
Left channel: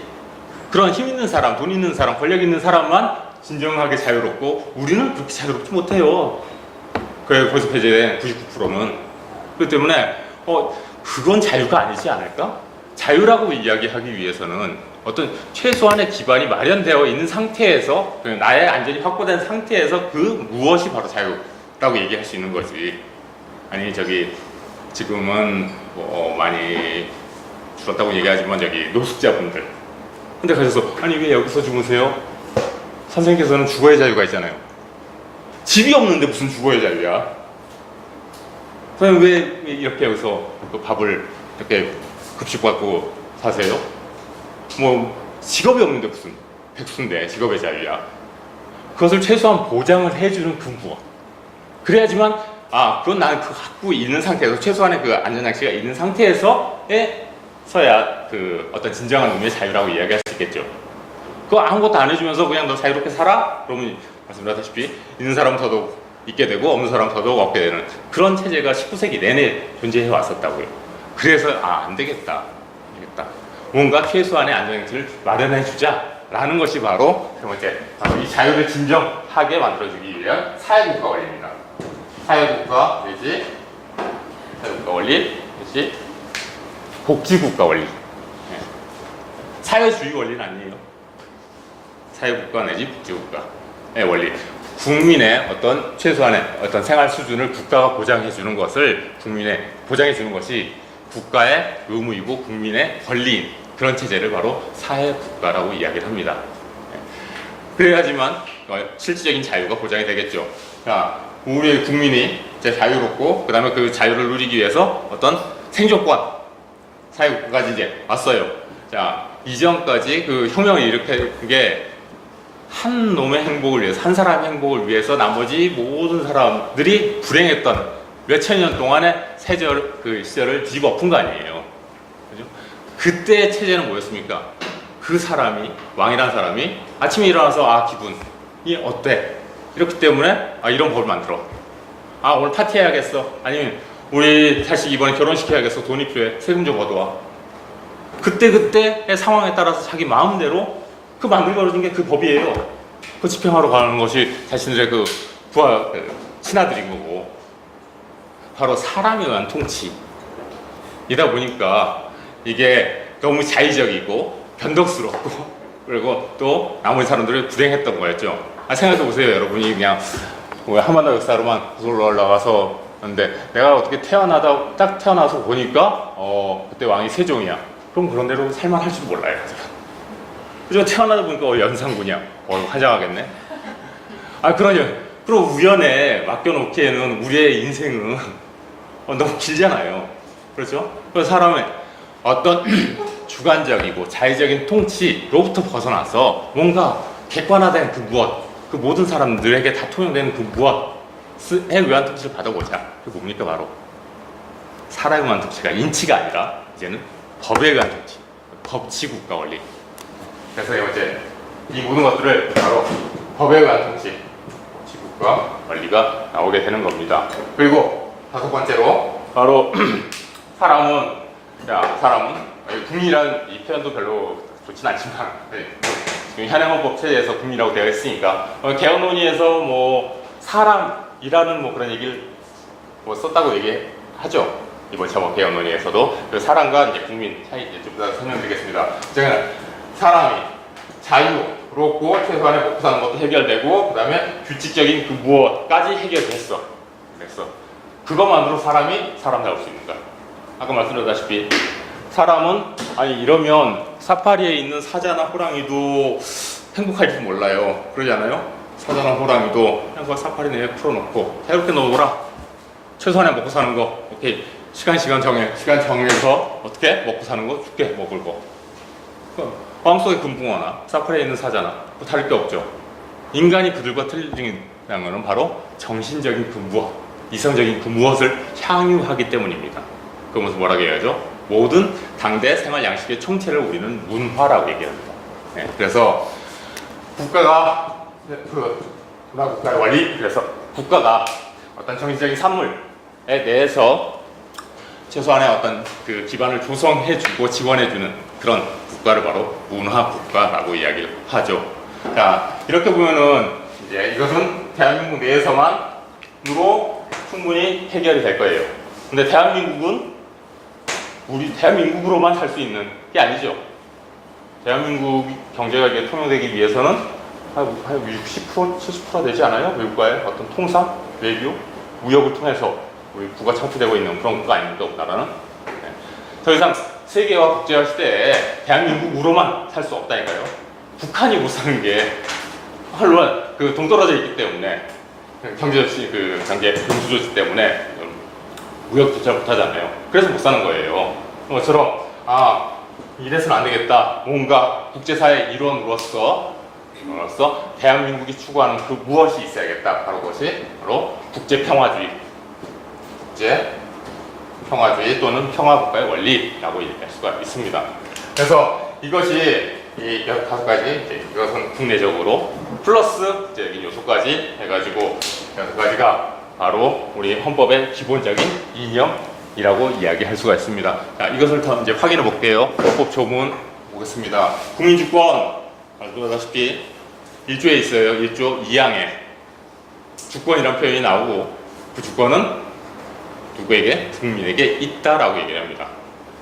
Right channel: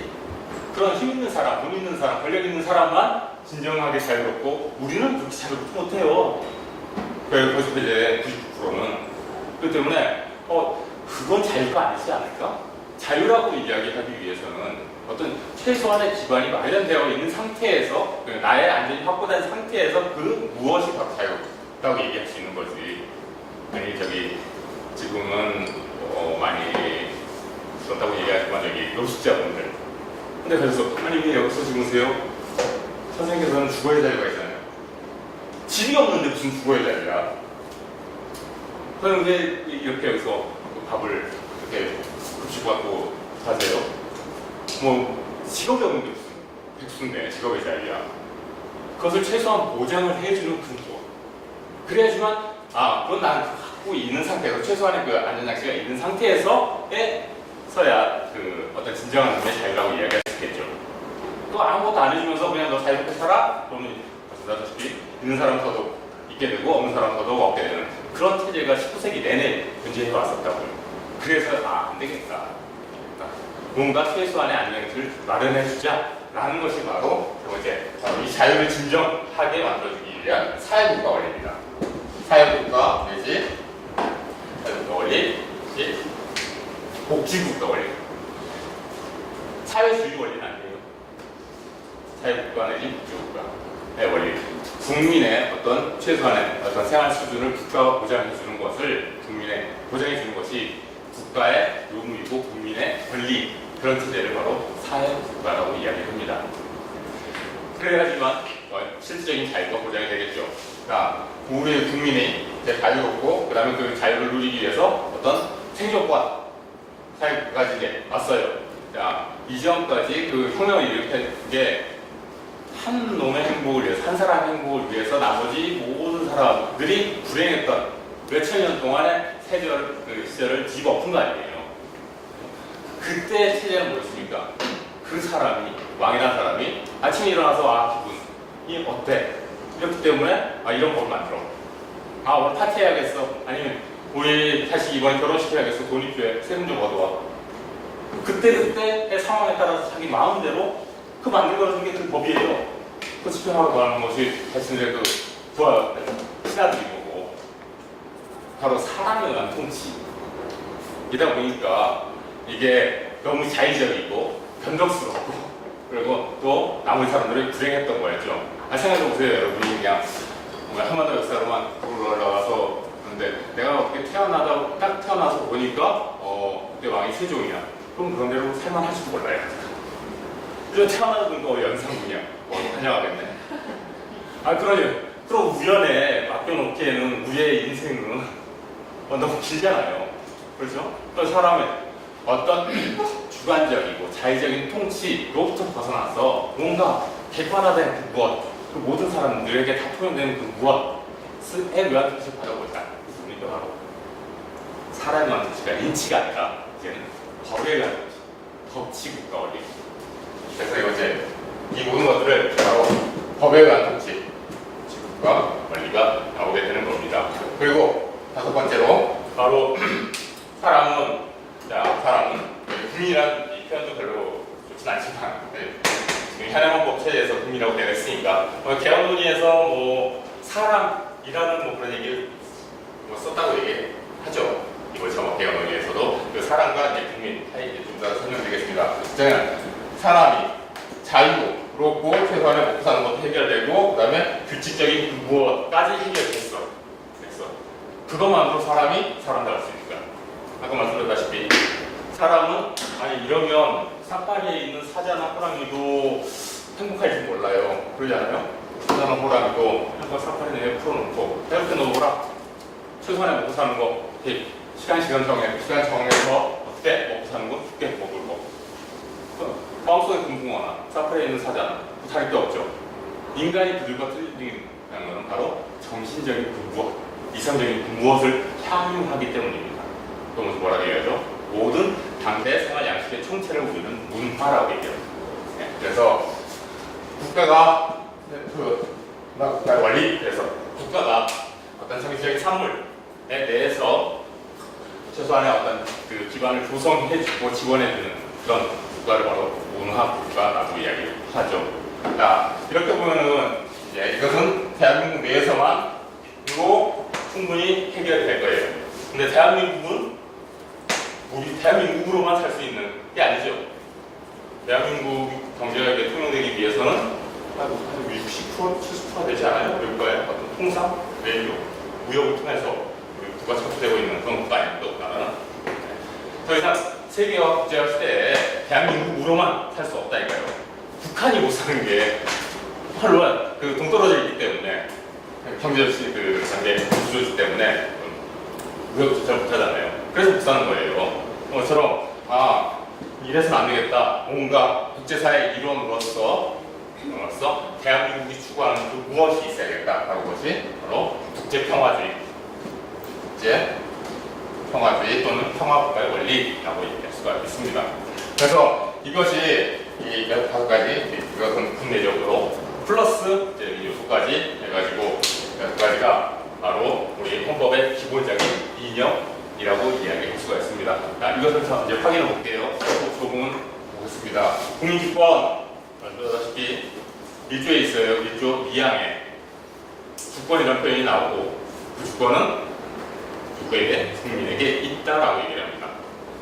그런 힘 있는 사람, 돈 있는 사람, 권력 있는 사람만 진정하게 자유롭고 우리는 그렇게 자유롭지 못해요. 그 보수폐제의 99%는 그렇기 때문에 그건 자유가 아니지 않을까? 자유라고 이야기하기 위해서는 어떤 최소한의 기반이 마련되어 있는 상태에서 나의 안전이 확보된 상태에서 그 무엇이 바로 자유라고 얘기할 수 있는 거지. 아니 지금은 많이 줄었다고 얘기하지만 노숙자분들 근데 그래서 아니 왜 여기서 주무세요? 선생님께서는 주거의 자유가 있잖아요. 집이 없는데 무슨 주거의 자유야? 그럼 왜 이렇게 여기서 또 밥을 이렇게 급식받고 사세요? 직업이 없는데 무슨 백수인데 직업의 자유야? 그것을 최소한 보장을 해주는 그 무엇. 그래야지만 그건 나는 갖고 있는 상태에서 최소한의 그 안전장치가 있는 상태에서야 그 어떤 진정한 의미의 자유라고 이야기할 수 있겠죠. 그거 아무것도 안 해주면서 그냥 너 자유롭게 살아? 그러면 말씀드렸다시피 있는 사람은 더더욱 있게 되고 없는 사람은 더더욱 없게 되는 그런 체제가 19세기 내내 존재해 왔었다고요. 그래서 안 되겠다. 뭔가 최소한의 안전장치를 마련해주자라는 것이 바로 세 번째, 이 자유를 진정하게 만들어주기 위한 사회국가 원리입니다. 사회국가 내지 자유국가 원리 내지 복지국가 원리. 사회주의 원리는 아니에요. 사회국가 내지 복지국가의 원리. 국민의 어떤 최소한의 어떤 생활 수준을 국가가 보장해 주는 것을 국민의 보장해 주는 것이 국가의 의무이고 국민의 권리인 그런 체제를 바로 사회국가라고 이야기를 합니다. 그래야지만 실질적인 자유가 보장이 되겠죠. 자, 우리 국민이 이제 자유롭고 그 다음에 그 자유를 누리기 위해서 어떤 생존권 사회국가까지 이제 왔어요. 자, 이전까지 그 혁명을 일으킨 게 한 놈의 행복을 위해서, 한 사람의 행복을 위해서 나머지 모든 사람들이 불행했던 몇천 년 동안의 시절을 뒤집어 엎은 거 아니에요. 그죠? 그때 체제는 뭐였습니까? 그 사람이, 왕이라는 사람이 아침에 일어나서 기분이 어때? 이렇기 때문에 이런 법을 만들어. 오늘 파티해야겠어. 아니면 우리 다시 이번에 결혼시켜야겠어. 돈이 필요해. 세금 좀 얻어와. 그때의 상황에 따라서 자기 마음대로 그 만들어진 게 그 법이에요. 그 집행하러 가는 것이 자신들의 그 부하 신하들인 거고. 바로 사람에 의한 통치이다 보니까 이게 너무 자의적이고 변덕스럽고 그리고 또 나머지 사람들이 불행했던 거였죠. 생각해 보세요. 여러분이 그냥 한반도 역사로만 올라가서 근데 내가 어떻게 딱 태어나서 보니까 그때 왕이 세종이야. 그럼 그런 대로 살만할 줄 몰라요. 그죠? 태어나다 보니까 연산군이야. 환장하겠네. 그럼 우연에 맡겨놓기에는 우리의 인생은 너무 길잖아요. 그렇죠? 그래서 사람의 어떤 주관적이고 자의적인 통치로부터 벗어나서 뭔가 객관화된 그 무엇, 그 모든 사람들에게 다 통용되는 그 무엇에 의한 통치를 받아보자. 그게 뭡니까? 바로 사람에 의한 통치가 인치가 아니라 이제는 법에 의한 통치, 법치국가 원리. 그래서 이제 이 모든 것들을 바로 법에 의한 통치, 법치국가 원리가 나오게 되는 겁니다. 그리고 다섯 번째로 바로 사람은 국민이라는 이 표현도 별로 좋진 않지만 현행헌법 체제에서 국민이라고 되어 있으니까 개헌논의에서 사람이라는 그런 얘기를 썼다고 얘기하죠. 이번 개헌논의에서도 그 사람과 이제 국민 차이 좀 설명드리겠습니다. 사람이 자유롭고 최소한의 먹고 사는 것도 해결되고 그 다음에 규칙적인 그 무엇까지 해결됐어. 그래서 그것만으로 사람이 사람다울 수 있는 거야. 아까 말씀드렸다시피 사람은 이러면 사파리에 있는 사자나 호랑이도 행복할 줄 몰라요. 그러지 않아요? 사자나 호랑이도 그냥 사파리 내에 풀어놓고 자유롭게 넣어보라. 최소한의 먹고 사는 거 오케이. 시간 정해서 어떻게 먹고 사는 거 줄게 먹을 거. 마음속에 금붕어나 사파리에 있는 사자나 다를 게 없죠. 인간이 그들과 틀린 것은 바로 정신적인 그 무엇, 이성적인 그 무엇을 향유하기 때문입니다. 그러면서 뭐라고 해야죠? 모든 당대 생활 양식의 총체를 우리는 문화라고 얘기합니다. 네, 그래서 국가가 문화국가의 원리, 그래서 국가가 어떤 정치적인 산물에 대해서 최소한의 어떤 그 기반을 조성해주고 지원해주는 그런 국가를 바로 문화국가라고 이야기를 하죠. 자, 이렇게 보면은 이제 이것은 대한민국 내에서만으로 충분히 해결이 될 거예요. 근데 대한민국은 우리 대한민국으로만 살 수 있는 게 아니죠. 대한민국 경제가 이제 통용되기 위해서는 한 60%, 70%가 되지 않아요? 외국과의 어떤 통상, 외교, 무역을 통해서 우리 국가 창출되고 있는 그런 국가 아닙니까? 우리나라는. 네. 더 이상 세계와 국제화 시대에 대한민국으로만 살 수 없다니까요. 북한이 못 사는 게 물론 그 동떨어져 있기 때문에 경제 구조지 때문에 무역조차 못하잖아요. 그래서 못 사는 거예요. 그것처럼 이래서는 안 되겠다. 뭔가 국제사회의 일원으로서 대한민국이 추구하는 그 무엇이 있어야겠다. 바로 그것이 바로 국제평화주의, 국제평화주의 또는 평화국가의 원리라고 얘기할 수가 있습니다. 그래서 이것이 이 5가지, 이것은 국내적으로 플러스 이제 요소까지 해가지고 6가지가 바로 우리 헌법의 기본적인 이념이라고 이야기할 수가 있습니다. 자, 이것을 더 이제 확인해 볼게요. 헌법 조문 보겠습니다. 국민주권, 말씀드렸다시피 1조에 있어요. 1조 2항에 주권이라는 표현이 나오고 그 주권은 누구에게? 국민에게 있다라고 얘기를 합니다.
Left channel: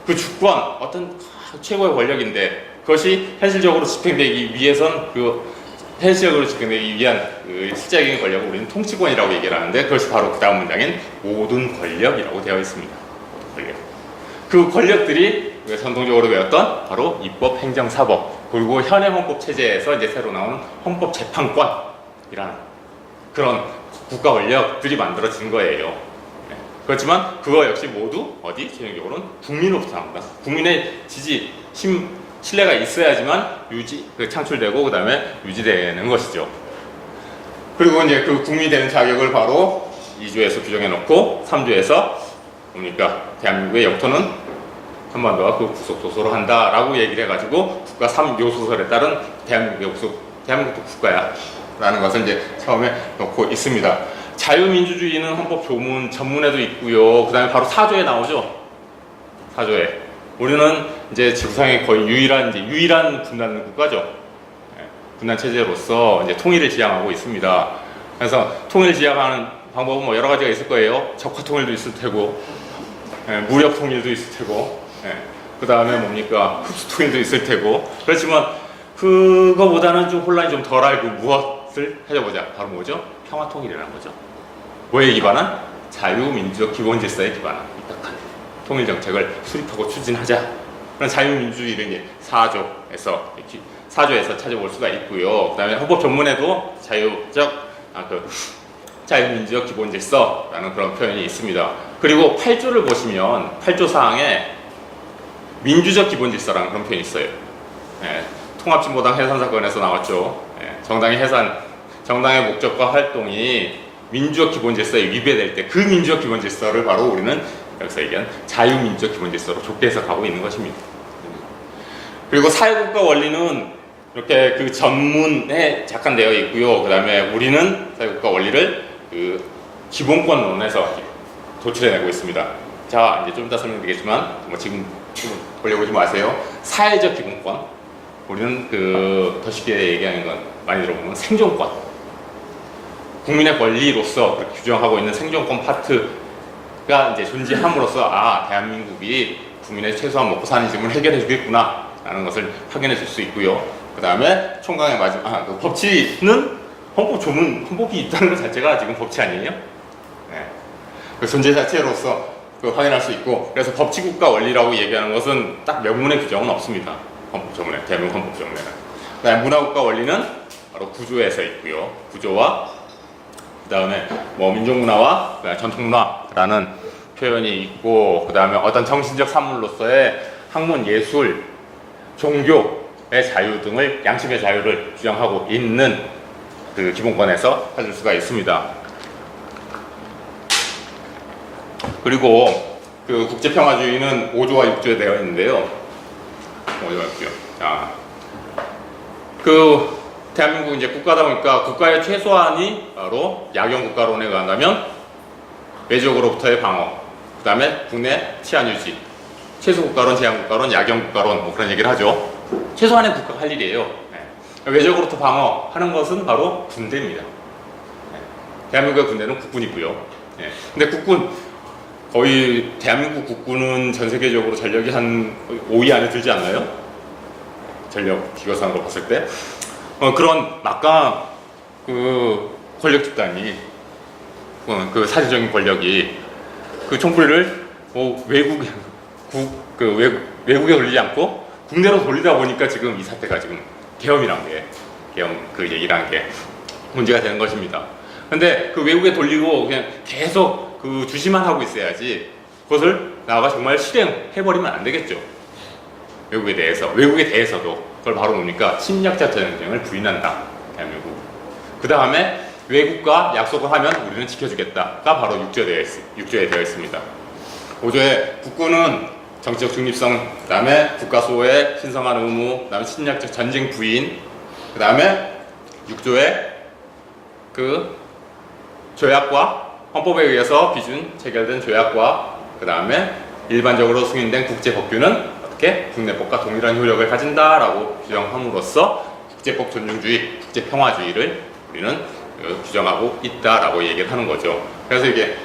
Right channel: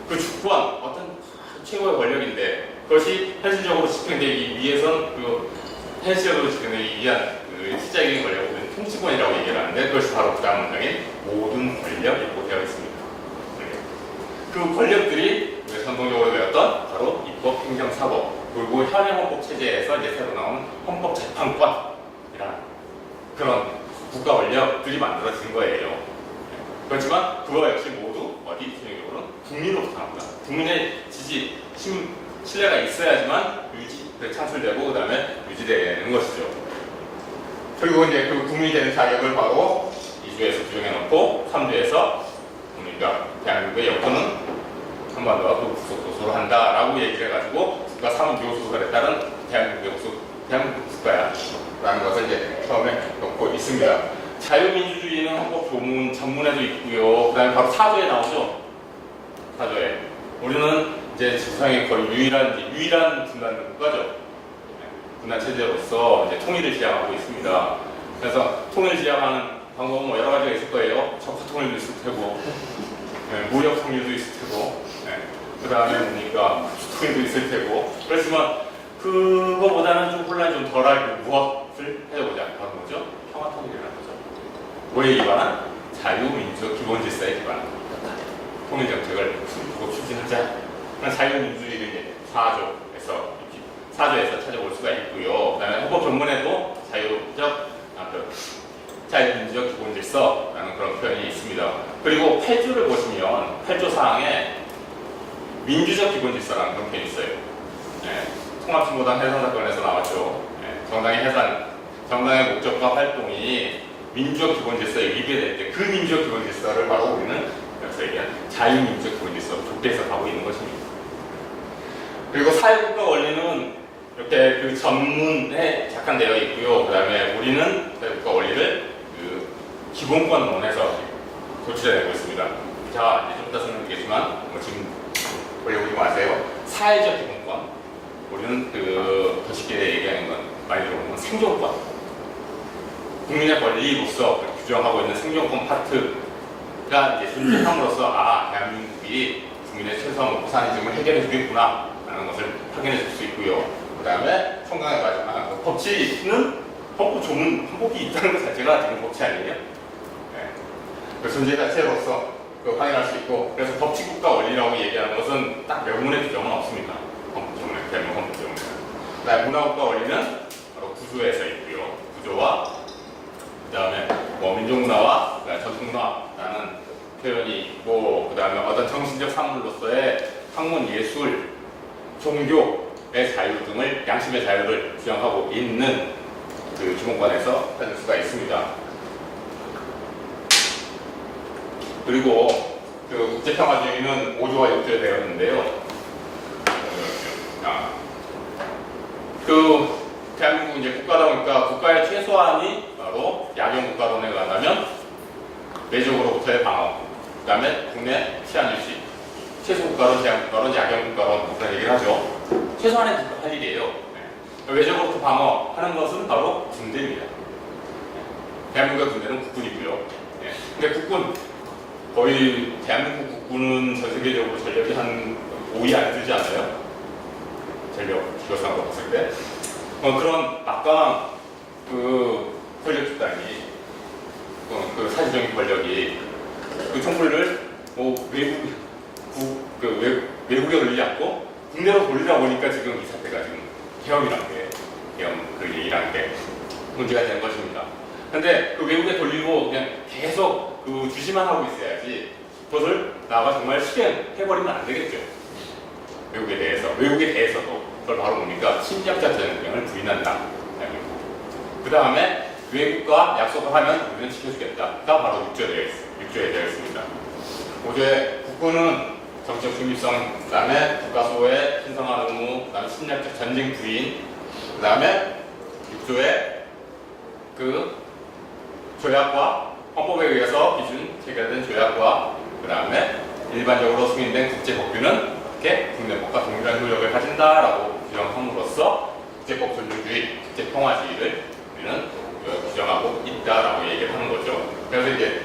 그 주권, 어떤 최고의 권력인데 그것이 현실적으로 집행되기 위해선 현실적으로 집행되기 위한 그 실질적인 권력을 우리는 통치권이라고 얘기를 하는데 그것이 바로 그 다음 문장인 모든 권력이라고 되어 있습니다. 그 권력들이 전통적으로 배웠던 바로 입법, 행정, 사법 그리고 현행 헌법 체제에서 이제 새로 나온 헌법 재판권이라는 그런 국가 권력들이 만들어진 거예요. 그렇지만 그거 역시 모두 최종적으로는 국민으로부터 나온다. 국민의 지지, 신뢰가 있어야지만 창출되고 그 다음에 유지되는 것이죠. 그리고 이제 그 국민이 되는 자격을 바로 2조에서 규정해 놓고 3조에서 뭡니까? 대한민국의 영토는 한반도와 그 부속 도서로 한다라고 얘기를 해가지고 국가 3요소설에 따른 대한민국도 국가야 라는 것을 이제 처음에 놓고 있습니다. 자유민주주의는 헌법 조문 전문에도 있고요. 그 다음에 바로 4조에 나오죠. 4조에 우리는 이제 지구상의 거의 유일한 분단 국가죠. 분단 체제로서 이제 통일을 지향하고 있습니다. 그래서 통일을 지향하는 방법은 여러 가지가 있을 거예요. 적화 통일도 있을 테고, 무력 통일도 있을 테고, 그 다음에 뭡니까 흡수 통일도 있을 테고. 그렇지만 그거보다는 좀 혼란이 좀 덜하고 무엇을 하려보자. 바로 뭐죠? 평화 통일이라는 거죠. 뭐에 기반한? 자유민주적 기본 질서에 기반한 통일 정책을 수립하고 추진하자. 그런 자유민주주의를 이제 4조에서 찾아볼 수가 있고요. 그 다음에 헌법 전문에도 자유민주적 기본 질서라는 그런 표현이 있습니다. 그리고 8조를 보시면 8조 사항에 민주적 기본 질서라는 그런 표현이 있어요. 통합진보당 해산 사건에서 나왔죠. 정당의 목적과 활동이 민주적 기본 질서에 위배될 때 그 민주적 기본 질서를 바로 우리는 여기서 얘기한 자유민주적 기본 질서로 좁게 해석하고 있는 것입니다. 그리고 사회국가 원리는 이렇게 그 전문에 작성되어 있고요. 그 다음에 우리는 사회국가 원리를 그 기본권론에서 도출해내고 있습니다. 자, 이제 좀 이따 설명드리겠지만 지금 돌려보지 마세요. 사회적 기본권. 우리는 더 쉽게 얘기하는 건 많이 들어보면 생존권. 국민의 권리로서 그렇게 규정하고 있는 생존권 파트가 이제 존재함으로써 대한민국이 국민의 최소한 먹고 사는 짐을 해결해 주겠구나 라는 것을 확인해 줄 수 있고요. 그 다음에 총괄의 마지막 그 법치는 헌법이 있다는 것 자체가 지금 법치 아니에요? 그 존재 자체로서 확인할 수 있고, 그래서 법치국가 원리라고 얘기하는 것은 딱 명문의 규정은 없습니다. 헌법조문에, 대한민국 헌법조문에. 그 다음에 문화국가 원리는 바로 구조에 서 있고요. 구조와 그 다음에 민족문화와 전통문화라는 표현이 있고, 그 다음에 어떤 정신적 산물로서의 학문, 예술, 종교의 자유 등을 양심의 자유를 주장하고 있는 그 기본권에서 찾을 수가 있습니다. 그리고 그 국제평화주의는 5조와 6조에 되어 있는데요. 5조와 6조. 자, 그 대한민국 이제 국가다 보니까 국가의 최소한이 바로 약용국가론에 관하면 외적으로부터의 방어, 그 다음에 국내 치안 유지, 최소국가론, 제한국가론, 약용국가론 뭐 그런 얘기를 하죠. 최소한의 국가 할 일이에요. 외적으로부터 방어하는 것은 바로 군대입니다. 대한민국의 군대는 국군이고요. 근데 국군 거의 대한민국 국군은 전 세계적으로 전력이 한 5위 안에 들지 않나요? 전력 기거상으로 봤을 때 그런 막강한 그 권력 집단이 그 사실적인 권력이 그 총구리를 외국에 돌리지 않고 국내로 돌리다 보니까 지금 이 사태가 지금 계엄이란 게 계엄 그 얘기라는 게 문제가 되는 것입니다. 근데 그 외국에 돌리고 그냥 계속 그 주시만 하고 있어야지 그것을 나아가 정말 실행해버리면 안 되겠죠. 외국에 대해서도 그걸 바로 뭡니까? 침략자 전쟁을 부인한다. 대한민국. 그 다음에 외국과 약속을 하면 우리는 지켜주겠다가 바로 6조에 되어 있습니다. 5조에 국군은 정치적 중립성, 그 다음에 국가 소외, 신성한 의무, 그 다음에 침략적 전쟁 부인, 그 다음에 6조에 그 조약과 헌법에 의해서 기준 체결된 조약과 그 다음에 일반적으로 승인된 국제법규는 어떻게 국내법과 동일한 효력을 가진다라고 규정함으로써 국제법 존중주의, 국제평화주의를 우리는 규정하고 있다라고 얘기를 하는 거죠. 그래서 이게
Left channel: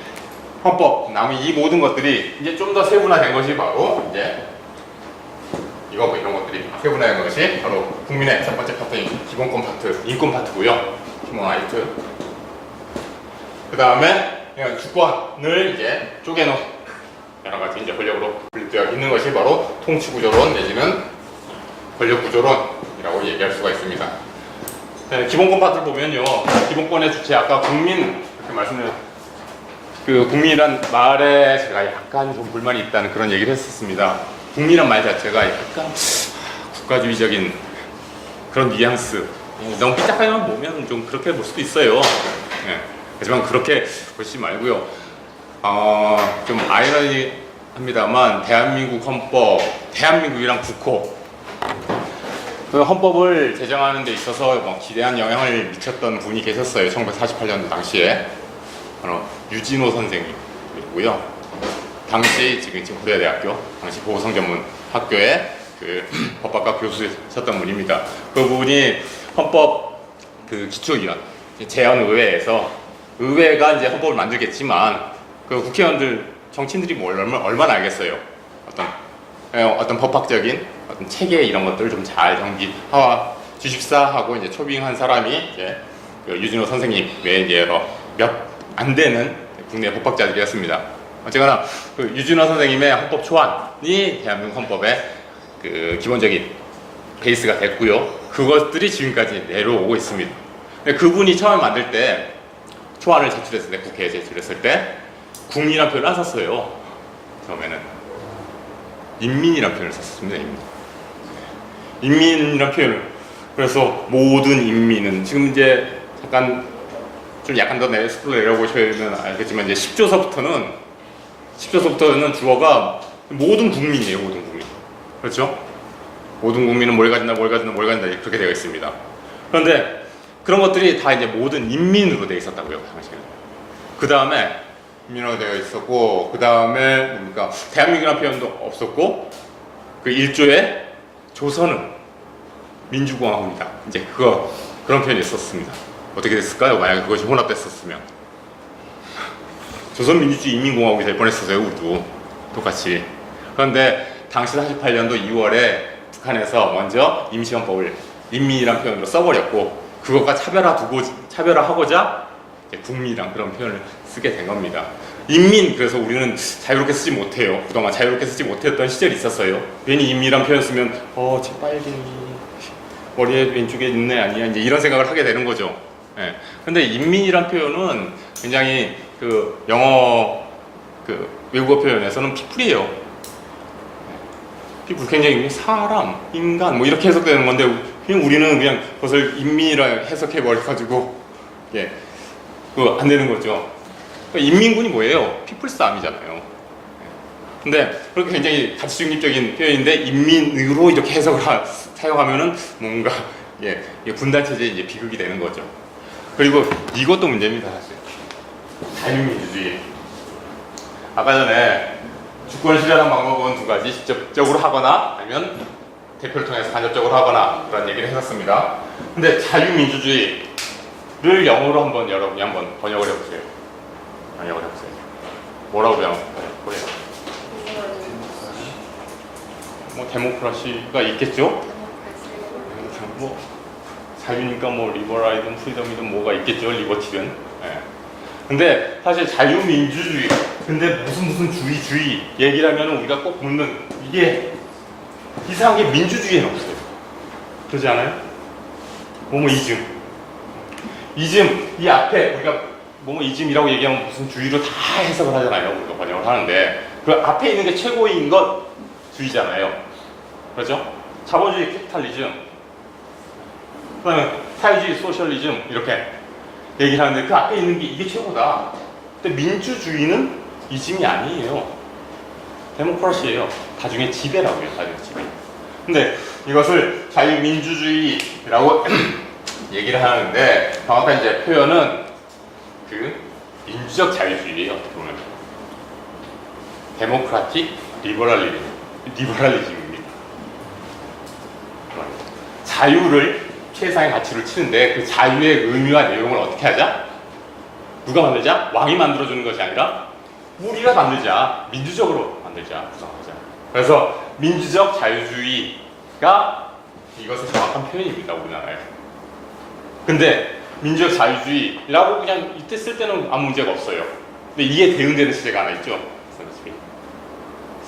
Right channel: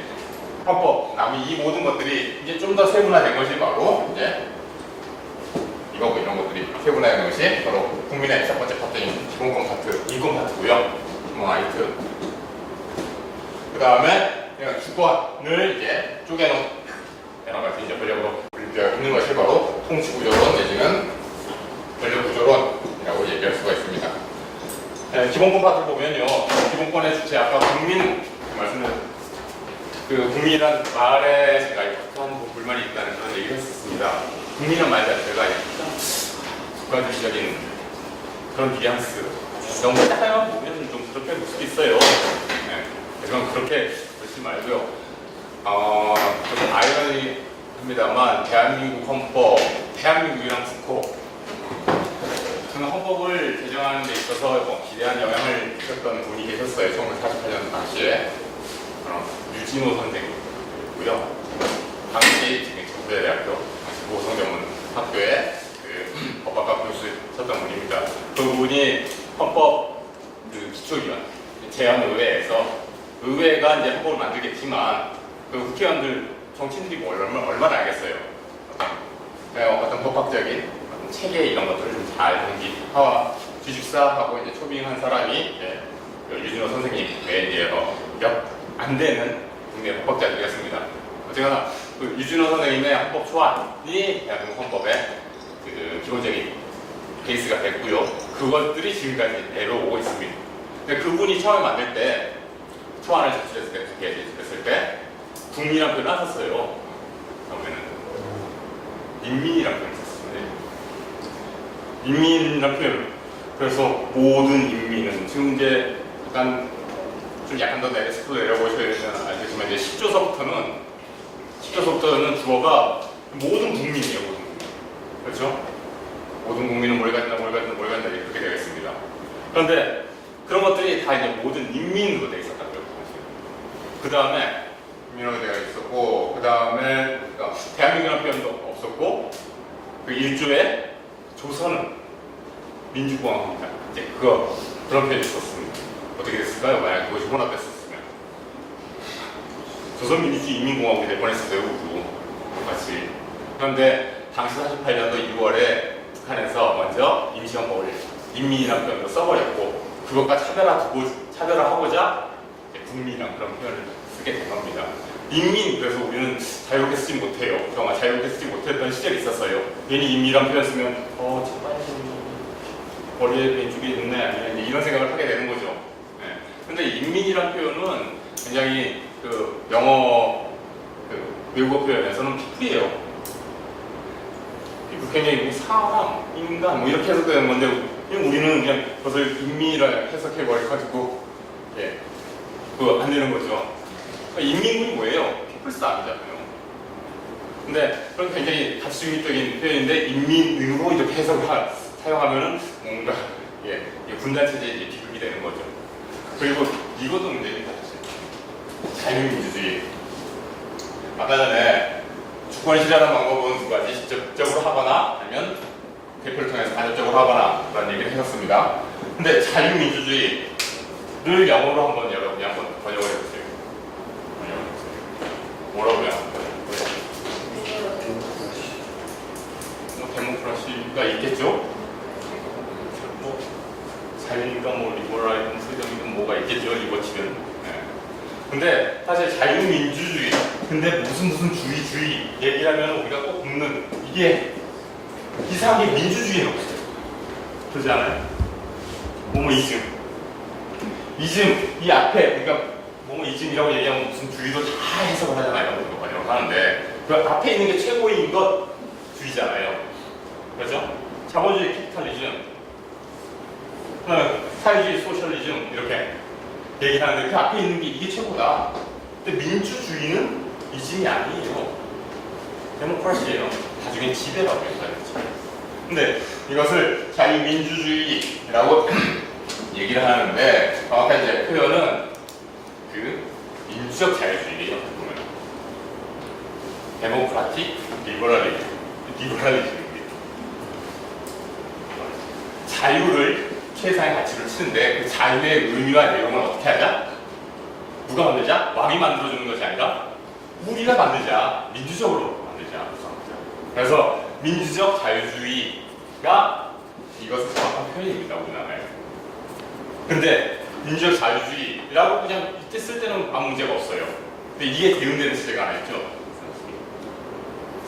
헌법, 남이 이 모든 것들이 이제 좀 더 세분화된 것이 바로 이제 이거 이런 것들이 세분화된 것이 바로 국민의 첫 번째 파트인 기본권 파트, 인권 파트고요. 휴먼라이트. 그 다음에 주권을 이제 쪼개놓은 여러 가지 이제 권력으로 분류되어 있는 것이 바로 통치구조론 내지는 권력구조론이라고 얘기할 수가 있습니다. 네, 기본권 파트를 보면요, 기본권의 주체 아까 국민 말씀드렸. 그 국민이란 말에 제가 약간 좀 불만이 있다는 그런 얘기를 했었습니다. 국민이란 말 자체가 약간 국가주의적인 그런 뉘앙스, 너무 복잡하게만 보면 좀 그렇게 볼 수도 있어요. 네. 하지만 그렇게 보시지 말고요. 좀 아이러니합니다만 대한민국 헌법, 대한민국이란 국호, 그 헌법을 제정하는 데 있어서 기대한 영향을 미쳤던 분이 계셨어요. 1948년 당시에. 유진호 선생님이고요. 당시 지금 부여대학교 당시 보성전문학교의 그 법학과 교수셨던 분입니다. 그분이 헌법 그 기초위원 재헌의회에서 의회가 이제 헌법을 만들겠지만 그 국회의원들 정치인들이 뭐 얼마나 알겠어요. 어떤 법학적인 어떤 체계 이런 것들을 좀 잘 정비하 주십사하고 이제 초빙한 사람이 이제 그 유진호 선생님 외에 이제 몇 안 되는 국내 법학자들이었습니다. 어쨌거나 그 유진호 선생님의 헌법 초안이 대한민국 헌법의 그 기본적인 베이스가 됐고요. 그것들이 지금까지 내려오고 있습니다. 근데 그분이 처음에 만들 때 초안을 제출했을 때 국회에 제출했을 때 국민이라는 표현을 안 썼어요. 처음에는 인민이라는 표현을 썼습니다. 인민이라는 표현을. 그래서 모든 인민은 지금 이제 약간 더 숲으로 내려보시면 알겠지만 이제 10조서부터는 주어가 모든 국민이에요. 모든 국민. 그렇죠? 모든 국민은 뭘 가진다 그렇게 되어 있습니다. 그런데 그런 것들이 다 이제 모든 인민으로 되어 있었다고요. 사실은. 그 다음에 인민으로 되어 있었고, 그 다음에 그러니까 대한민국이라는 표현도 없었고, 그 1조에 조선은 민주공화국이다. 이제 그런 표현이 있었습니다. 어떻게 됐을까요? 만약에 그것이 혼합됐었으면 조선민주주의 인민공화국이 될 뻔했었어요. 우리도 똑같이. 그런데 당시 48년도 2월에 북한에서 먼저 임시헌법을 인민이라는 표현으로 써버렸고 그것과 차별화하고자 국민이란 그런 표현을 쓰게 된 겁니다. 인민, 그래서 우리는 자유롭게 쓰지 못해요. 그동안 자유롭게 쓰지 못했던 시절이 있었어요. 괜히 인민이란 표현 쓰면 저 빨갱이 머리에 왼쪽에 있는 애 아니야, 이제 이런 생각을 하게 되는 거죠. 예. 근데 인민이란 표현은 굉장히 그 영어 그 외국어 표현에서는 피플이에요. 피플, 굉장히 사람, 인간 뭐 이렇게 해석되는 건데 그냥 우리는 그냥 그것을 인민이라 해석해 버려가지고 안 되는 거죠. 그러니까 인민군이 뭐예요? 피플스 아미잖아요. 근데 그렇게 굉장히 가치 중립적인 표현인데 인민으로 이렇게 해석을 사용하면은 뭔가 이게 분단 체제에 이제 비극이 되는 거죠. 그리고 이것도 문제입니다, 사실. 자유민주주의. 아까 전에 주권 실현하는 방법은 두 가지, 직접적으로 하거나 아니면 대표를 통해서 간접적으로 하거나 그런 얘기를 했었습니다. 근데 자유민주주의를 영어로 한번 여러분이 한번 번역을 해보세요. 번역을 해보세요. 뭐라고 번역할까요? 뭐 데모크라시가 있겠죠? 뭐 자유니까 뭐 리버럴이든 프리덤이든 뭐가 있겠죠, 리버티든. 네. 근데 사실 자유민주주의, 근데 무슨 주의 얘기를 하면 우리가 꼭 묻는 이게 이상하게 민주주의에 없어요. 그러지 않아요? 뭐뭐 이즘 이 앞에 우리가 뭐뭐 이즘이라고 얘기하면 무슨 주의로 다 해석을 하잖아요. 그거 번역을 하는데 그 앞에 있는 게 최고인 것 주의잖아요. 그렇죠? 자본주의 캐피탈리즘, 그다음에 사회주의 소셜리즘 이렇게 얘기하는데 그 앞에 있는 게 이게 최고다. 근데 민주주의는 이즘이 아니에요. 데모크라시예요. 나중에 지배라고 해요. 자유 지배. 근데 이것을 자유민주주의라고 얘기를 하는데 정확한 이제 표현은 그 민주적 자유주의예요. 어떻게 보면 데모크라틱 리버럴리즘입니다. 자유를 최상의 가치로 치는데 그 자유의 의미와 내용을 어떻게 하자? 누가 만들자? 왕이 만들어주는 것이 아니라 우리가 만들자. 민주적으로 만들자. 그래서 민주적 자유주의가 이것은 정확한 표현입니다. 우리나라에. 근데 민주적 자유주의라고 그냥 이때 쓸 때는 아무 문제가 없어요. 근데 이게 대응되는 시대가 하나 있죠.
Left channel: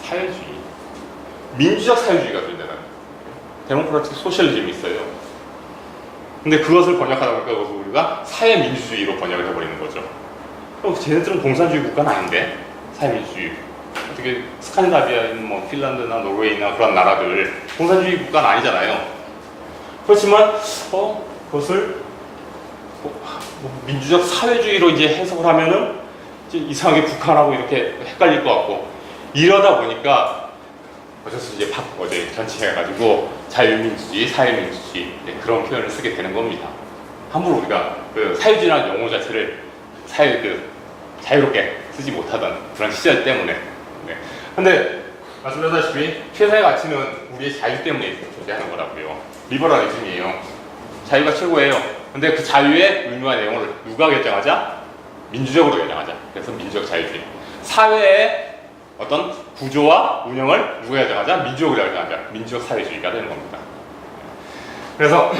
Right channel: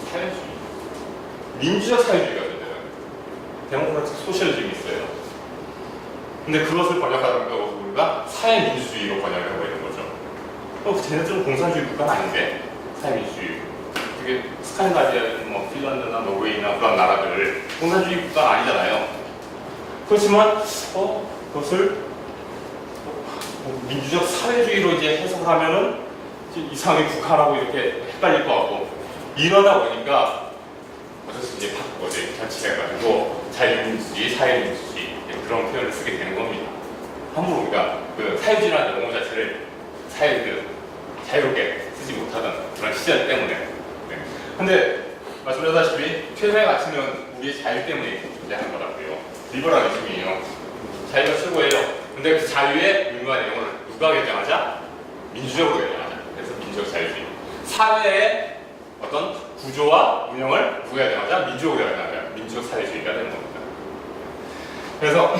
사회주의. 민주적 사회주의가 존재합니다. 데모크라틱 소셜리즘이 있어요. 근데 그것을 번역하다 보니까 우리가 사회민주주의로 번역을 해버리는 거죠. 쟤네들은 공산주의 국가는 아닌데 사회민주주의. 되게 스칸디나비아, 뭐 핀란드나 노르웨이나 그런 나라들 공산주의 국가는 아니잖아요. 그렇지만 그것을 민주적 사회주의로 이제 해석을 하면은 이상하게 북한하고 이렇게 헷갈릴 것 같고 이러다 보니까 그래서 이제 바꿔서 전치해가지고 자유민주주의, 사회민주주의 그런 표현을 쓰게 되는 겁니다. 함부로 우리가 그 사회주의라는 용어 자체를 자유롭게 쓰지 못하던 그런 시절 때문에. 네. 근데 말씀드렸다시피 최상의 가치는 우리의 자유 때문에 존재하는 거라고요. 리버럴리즘이에요. 자유가 최고예요. 근데 그 자유의 의미와 내용을 누가 결정하자? 민주적으로 결정하자. 그래서 민주적 자유주의. 사회의 어떤 구조와 운영을 누가 결정하자? 민주적으로 결정하자. 민주적 사회주의가 되는 겁니다. 그래서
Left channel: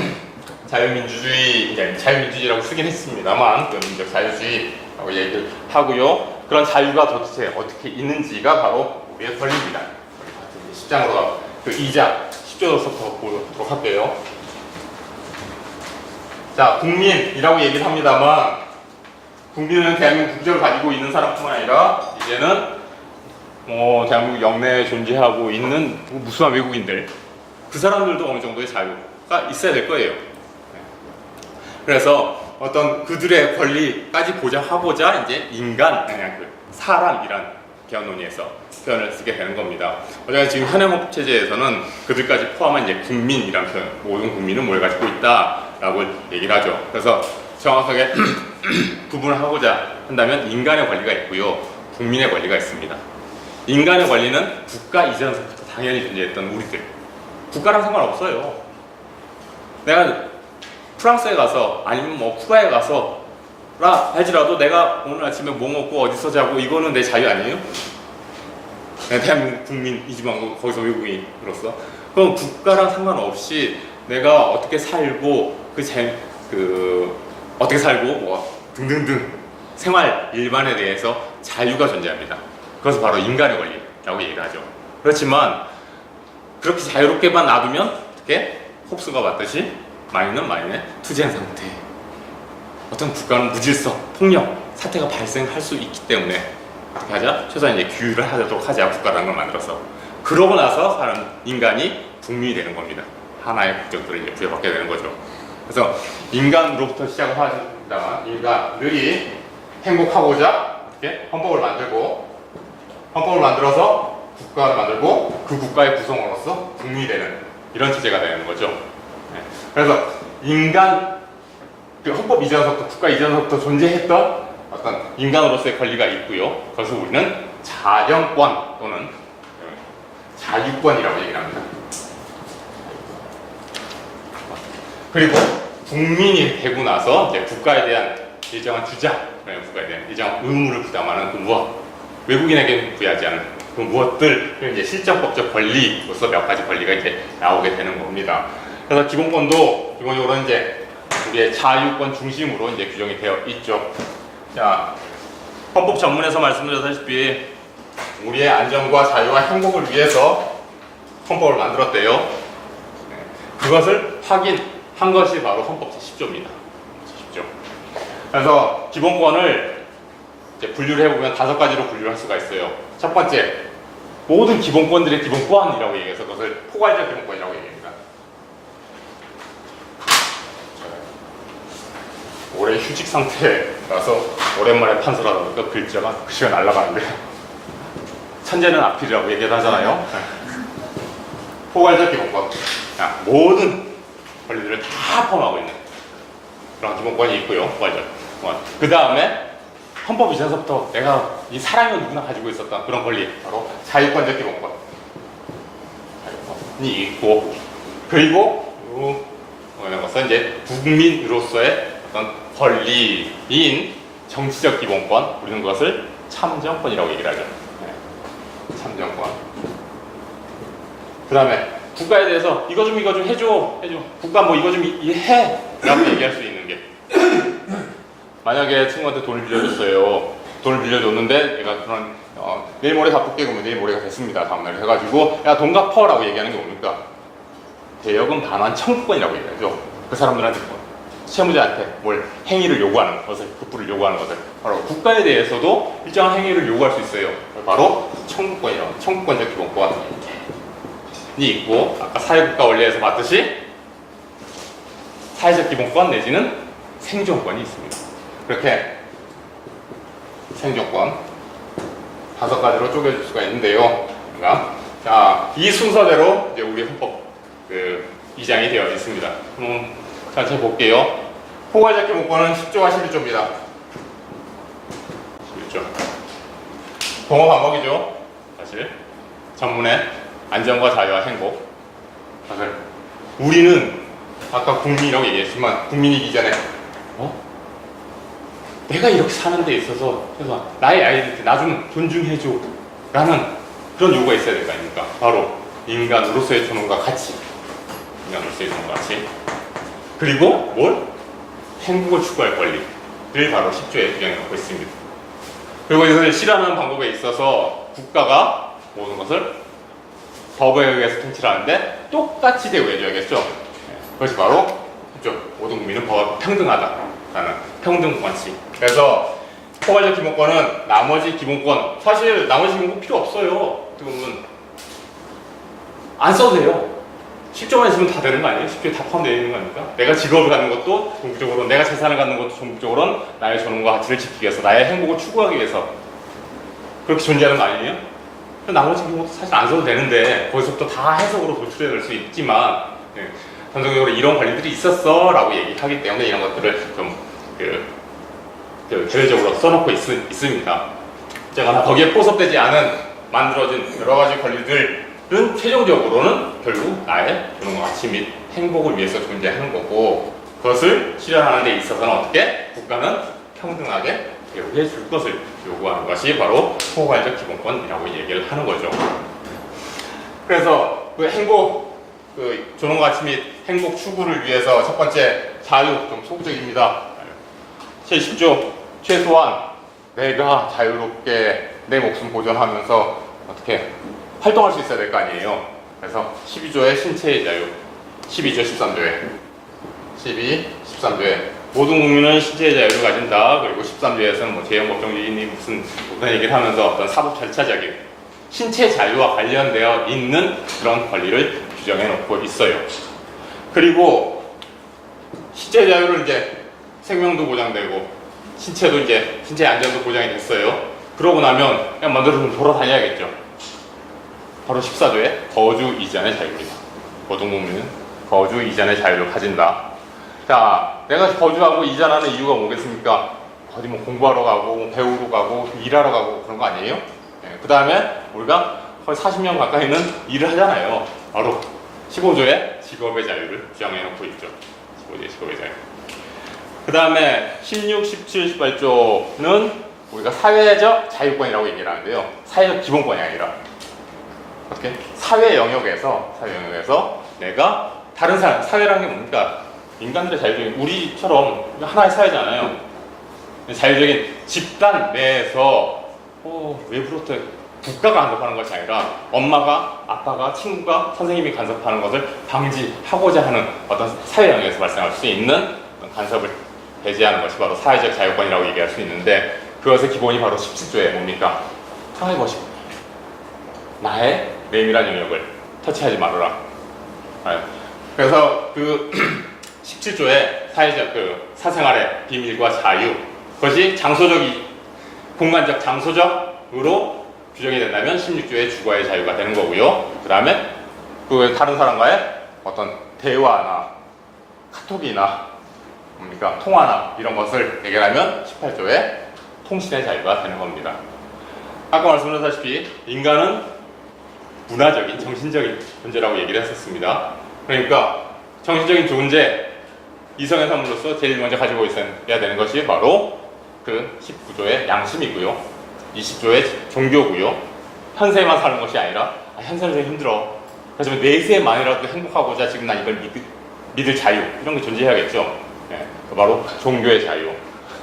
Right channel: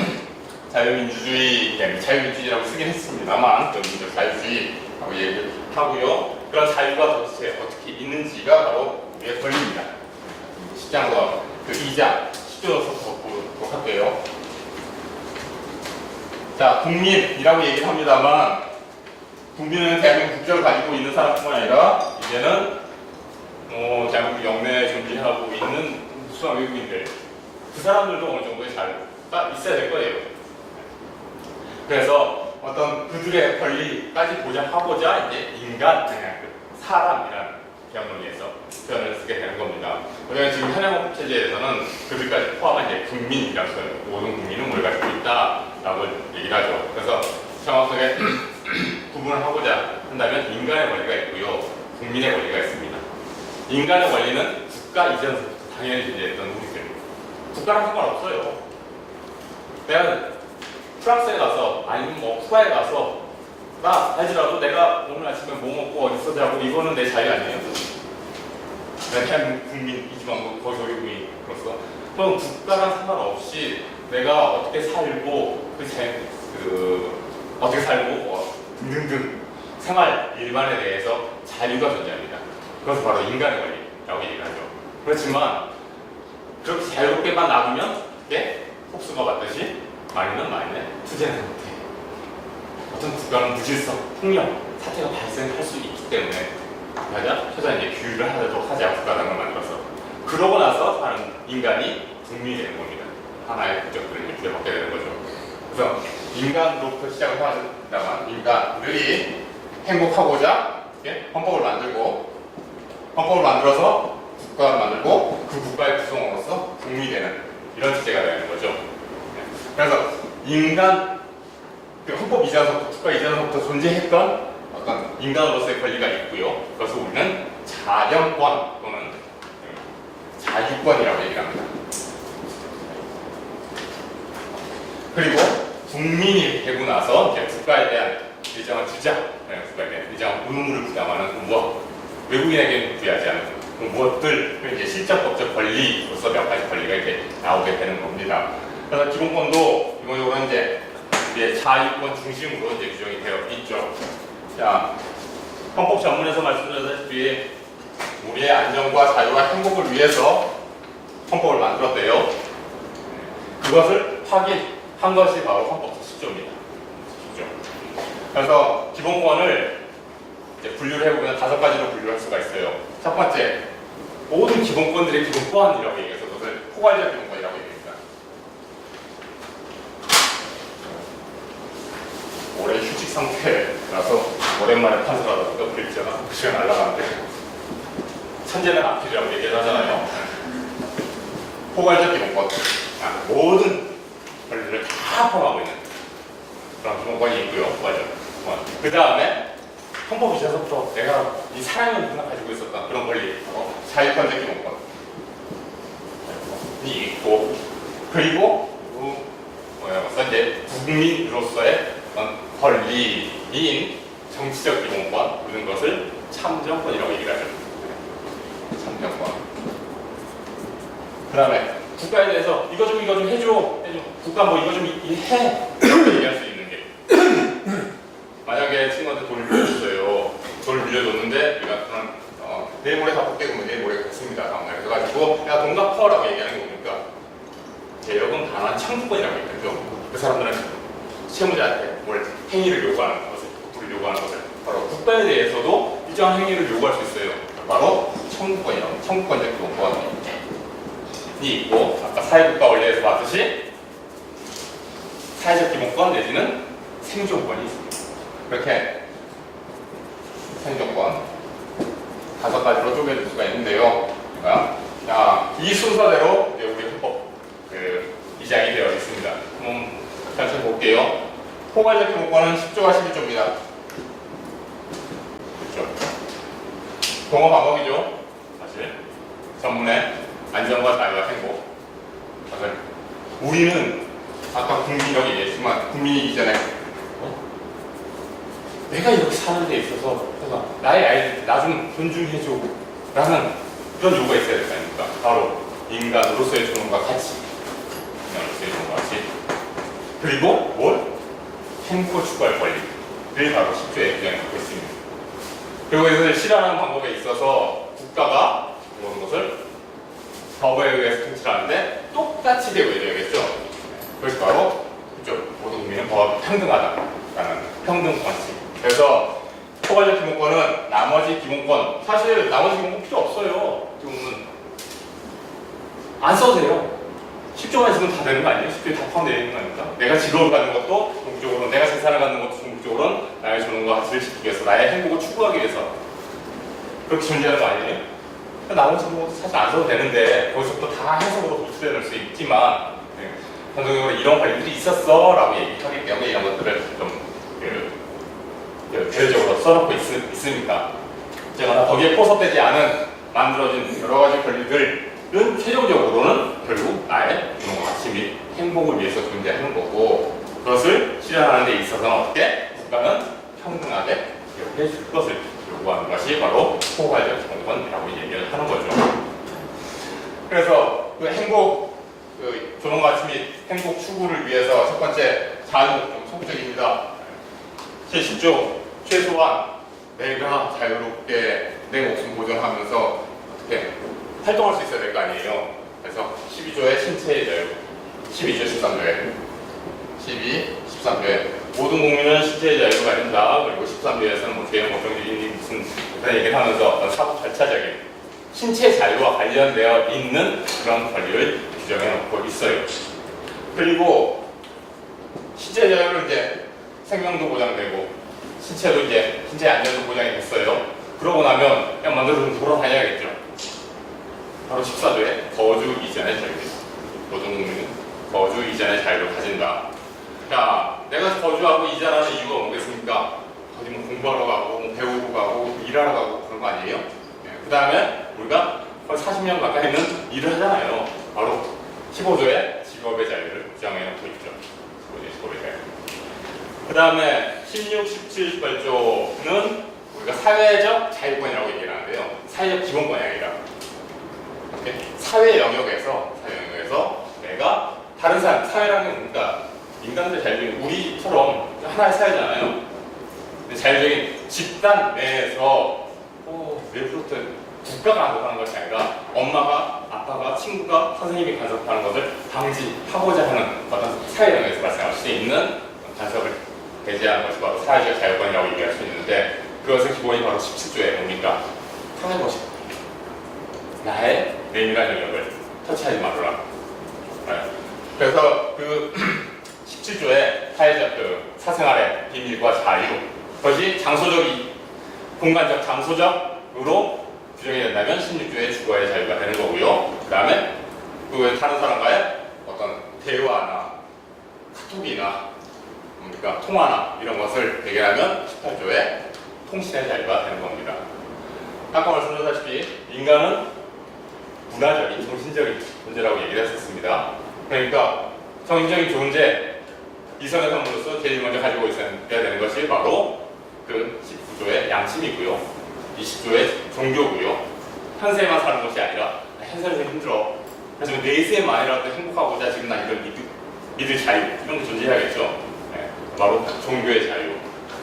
자유민주주의라고 쓰긴 했습니다만 그 민주적 자유주의라고 얘기를 하고요. 그런 자유가 도대체 어떻게 있는지가 바로 우리의 권리입니다. 10장으로 그 2장 10조로서 보도록 할게요. 자, 국민이라고 얘기를 합니다만 국민은 대한민국 국적을 가지고 있는 사람뿐만 아니라 이제는 대한민국 영내에 존재하고 있는 무수한 외국인들, 그 사람들도 어느 정도의 자유가 있어야 될 거예요. 그래서 어떤 그들의 권리까지 보장하고자 이제 사람이란 개헌논의에서 표현을 쓰게 되는 겁니다. 왜냐하면 지금 현행헌법 체제에서는 그들까지 포함한 이제 국민이란 표현, 모든 국민은 뭘 가지고 있다라고 얘기를 하죠. 그래서 정확하게 구분을 하고자 한다면 인간의 권리가 있고요, 국민의 권리가 있습니다. 인간의 권리는 국가 이전부터 당연히 존재했던 우리들. 국가랑 상관없어요. 내가 프랑스에 가서 아니면 뭐 쿠바에 가서 할지라도 내가 오늘 아침에 뭐 먹고 어디서 자고 이거는 내 자유 아니에요? 내가 대한민국 국민이지만 거기서 외국인으로서 그럼 국가랑 상관없이 내가 어떻게 살고 어떻게 살고 뭐 등등등 생활 일반에 대해서 자유가 존재합니다. 그것은 바로 인간의 권리라고 얘기를 하죠. 그렇지만 그렇게 자유롭게만 놔두면 어떻게 홉스가 봤듯이 마인은 마인의 투쟁 상태, 어떤 국가는 무질서, 폭력, 사태가 발생할 수 있기 때문에 하자 최소한 이제 규율을 하도록 하자, 국가라는 걸 만들어서. 그러고 나서 사는 인간이 국민이 되는 겁니다. 하나의 국적들을 이제 부여받게 되는 거죠. 그래서 인간으로부터 시작을 하다가 인간들이 행복하고자 이렇게 헌법을 만들고 헌법을 만들어서 국가를 만들고 그 국가의 구성원으로서 국민이 되는 이런 체제가 되는 거죠. 네. 그래서 인간 그 헌법 이전서부터 국가 이전서부터 존재했던 어떤 인간으로서의 권리가 있고요. 그것을 우리는 자령권 또는 자유권이라고 얘기합니다. 그리고 국민이 되고 나서 이제 국가에 대한 일정한 주장, 국가에 대한 일정한 의무를 부담하는 그 무엇, 외국인에게 부여하지 않은 그 무엇들, 이제 실정법적 권리로서 몇 가지 권리가 이제 나오게 되는 겁니다. 그래서 기본권도 기본적으로 이제 우리의 자유권 중심으로 이제 규정이 되어 있죠. 자, 헌법 전문에서 말씀드렸다시피 우리의 안전과 자유와 행복을 위해서 헌법을 만들었대요. 그것을 확인한 것이 바로 헌법 제10조입니다. 제10조. 그래서 기본권을 이제 분류를 해보면 5가지로 분류할 수가 있어요. 첫 번째, 모든 기본권들의 기본권이라고 얘기해서 그것을 포괄적 기본권이라고 얘기합니다. 올해 휴직 상태라서 오랜만에 판서라다 보니까 글자가 날아가는데 천재는 악필이라고 얘기를 하잖아요. 포괄적 기본권, 모든 권리들을 다 포함하고 있는 그런 기본권이 있고요. 포괄적. 그 다음에 헌법 이전서부터 내가 이 사람이 누구나 가지고 있었던 그런 권리, 바로 자유권적 기본권이 있고, 그리고 뭐냐면 이제 국민으로서의 어떤 권리인 정치적 기본권, 우리는 그것을 참정권이라고 얘기를 하죠. 참정권. 그 다음에 국가에 대해서 이거 좀 해줘. 국가 뭐 이거 좀 이해해 라고 얘기할 수 있는 게, 만약에 친구한테 돈을 빌려줬어요. 돈을 빌려줬는데 얘가 그런 내일 모레 갚을게. 그러면 내일 모레가 됐습니다. 다음날 해가지고 야 돈 갚아라고 얘기하는 게 뭡니까? 대여금 반환 청구권이라고 얘기하죠. 그 사람들한테 시험자한테 뭘 행위를 요구하는 것을, 복부를 요구하는 것을, 바로 국가에 대해서도 일정한 행위를 요구할 수 있어요. 바로 청구권이라는 청구권적 기본권이 있고, 아까 사회국가 원리에서 봤듯이 사회적 기본권 내지는 생존권이 있습니다. 그렇게 생존권 5가지로 쪼개줄 수가 있는데요. 그러니까 자, 이 순서대로 이제 우리 헌법 이장이 되어 있습니다. 한번 같이 볼게요. 포괄적 기본권은 10조와 12조입니다. 11조. 동호 방법이죠. 사실 전문의 안전과 자유와 행복. 사실 우리는 아까 국민이라고 얘기했지만 국민이 이전에 내가 이렇게 사는 데 있어서 그래서 나의 아이들 나 좀 존중해줘 라는 그런 요구가 있어야 될 거 아닙니까? 바로 인간으로서의 존엄과 가치, 인간으로서의 존엄과 가치, 그리고 뭘? 행복을 추구할 권리를 바로 10조에 규정해 놓고 있습니다. 그리고 이것을 실현하는 방법에 있어서 국가가 모든 것을 법에 의해서 통치하는데 똑같이 대우해줘야겠죠. 그것이 바로 모든 국민은 법과 평등하다라는 평등 원칙. 그래서 포괄적 기본권은 나머지 기본권, 사실 나머지 기본권 필요 없어요. 지금은 안 써도 돼요. 10조만 있으면 다 되는 거 아니에요? 10조에 다 포함되어 있는 거 아닙니까? 내가 직업을 갖는 것도 종국적으로, 내가 재산을 갖는 것도 종국적으로는 나의 존엄과 가치를 지키기 위해서, 나의 행복을 추구하기 위해서 그렇게 존재하는 거 아니에요? 나머지 기본도 사실 안 써도 되는데 거기서부터 다 해석으로 도출해 낼 수 있지만, 전통적으로 이런 권리들이 있었어 라고 얘기하기 때문에 이런 것들을 좀 교회적으로 써놓고 있습니다. 제가 거기에 포섭되지 않은 만들어진 여러 가지 권리들은 최종적으로는 결국 나의 존엄과 가치 및 행복을 위해서 존재하는 거고, 그것을 실현하는 데 있어서는 어떻게? 국가는 평등하게 대우해 줄 것을 요구하는 것이 바로 포괄적 기본권이라고 얘기를 하는 거죠. 그래서 그 행복, 존엄 가치 및 행복 추구를 위해서 첫 번째 자유, 좀 소극적입니다. 제10조 최소한 내가 자유롭게 내 목숨 보존하면서 어떻게 활동할 수 있어야 될 거 아니에요. 그래서 12조의 신체의 자유, 12조 13조에 13조에 모든 국민은 신체의 자유를 가진다. 그리고 13조에서는 뭐 재형 법정주의니 무슨 얘기를 하면서 어떤 사법 절차적인 신체 자유와 관련되어 있는 그런 권리를 규정해 놓고 있어요. 그리고 신체 자유를 이제 생명도 보장되고 신체도 이제 신체 안전도 보장이 됐어요. 그러고 나면 그냥 마음대로 좀 돌아다녀야겠죠. 바로 14조의 거주 이전의 자유입니다. 모든 국민은 거주 이전의 자유를 가진다. 자, 내가 거주하고 이전하는 이유가 뭐겠습니까? 어디 뭐 공부하러 가고, 뭐 배우러 가고, 일하러 가고 그런 거 아니에요? 네, 그 다음에 우리가 거의 40년 가까이는 일을 하잖아요. 바로 15조의 직업의 자유를 주장해 놓고 있죠. 15조의 직업의 자유. 그 다음에 16, 17, 18조는 우리가 사회적 자유권이라고 얘기를 하는데요. 사회적 기본권이 아니라 이렇게 사회 영역에서 내가 다른 사람, 사회라는 게 뭡니까? 인간들의 자유적인 우리처럼 하나의 사회잖아요. 자유적인 집단 내에서 외부로부터 국가가 간섭하는 것이 아니라 엄마가, 아빠가, 친구가, 선생님이 간섭하는 것을 방지하고자 하는 어떤 사회 영역에서 발생할 수 있는 간섭을 배제하는 것이 바로 사회적 자유권이라고 얘기할 수 있는데, 그것의 기본이 바로 17조에 뭡니까? 프라이버시. 나의 내밀한 영역을 터치하지 말아라. 네. 그래서 그 17조의 사회적 그 사생활의 비밀과 자유, 그것이 공간적, 장소적으로 규정이 된다면 16조의 주거의 자유가 되는 거고요. 그 다음에 그 다른 사람과의 어떤 대화나 카톡이나 뭡니까? 통화나 이런 것을 해결하면 18조의 통신의 자유가 되는 겁니다. 아까 말씀드렸다시피 인간은 문화적인, 정신적인 존재라고 얘기를 했었습니다. 그러니까 정신적인 존재, 이성의 산물로서 제일 먼저 가지고 있어야 되는 것이 바로 그 19조의 양심이고요. 20조의 종교고요. 현세만 사는 것이 아니라 현세는 좀 힘들어. 하지만 내세만이라도 행복하고자 지금 난 이걸 믿을 자유, 이런 게 존재해야겠죠. 네, 바로 종교의 자유.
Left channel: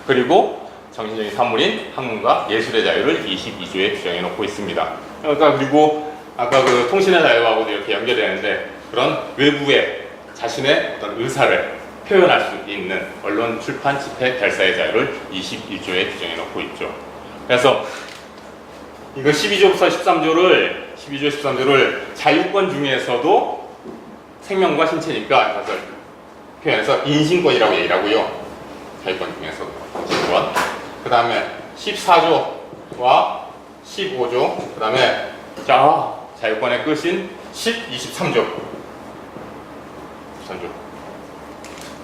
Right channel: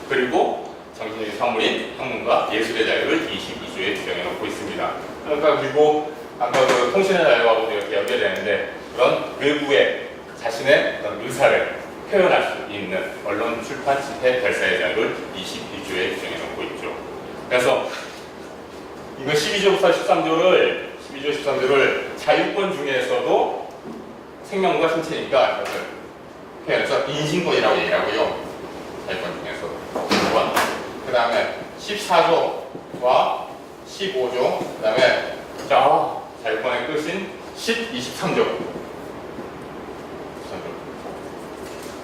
그리고 정신적인 산물인 학문과 예술의 자유를 22조에 규정해 놓고 있습니다. 그러니까 그리고 아까 그 통신의 자유하고도 이렇게 연결되는데, 그런 외부의 자신의 어떤 의사를 표현할 수 있는 언론, 출판, 집회, 결사의 자유를 21조에 규정해 놓고 있죠. 그래서 이거 12조부터 13조를 자유권 중에서도 생명과 신체니까 이것을 표현해서 인신권이라고 얘기하고요. 자유권 중에서 인신권. 그 다음에 14조와 15조, 그 다음에 자유권의 끝인 23조.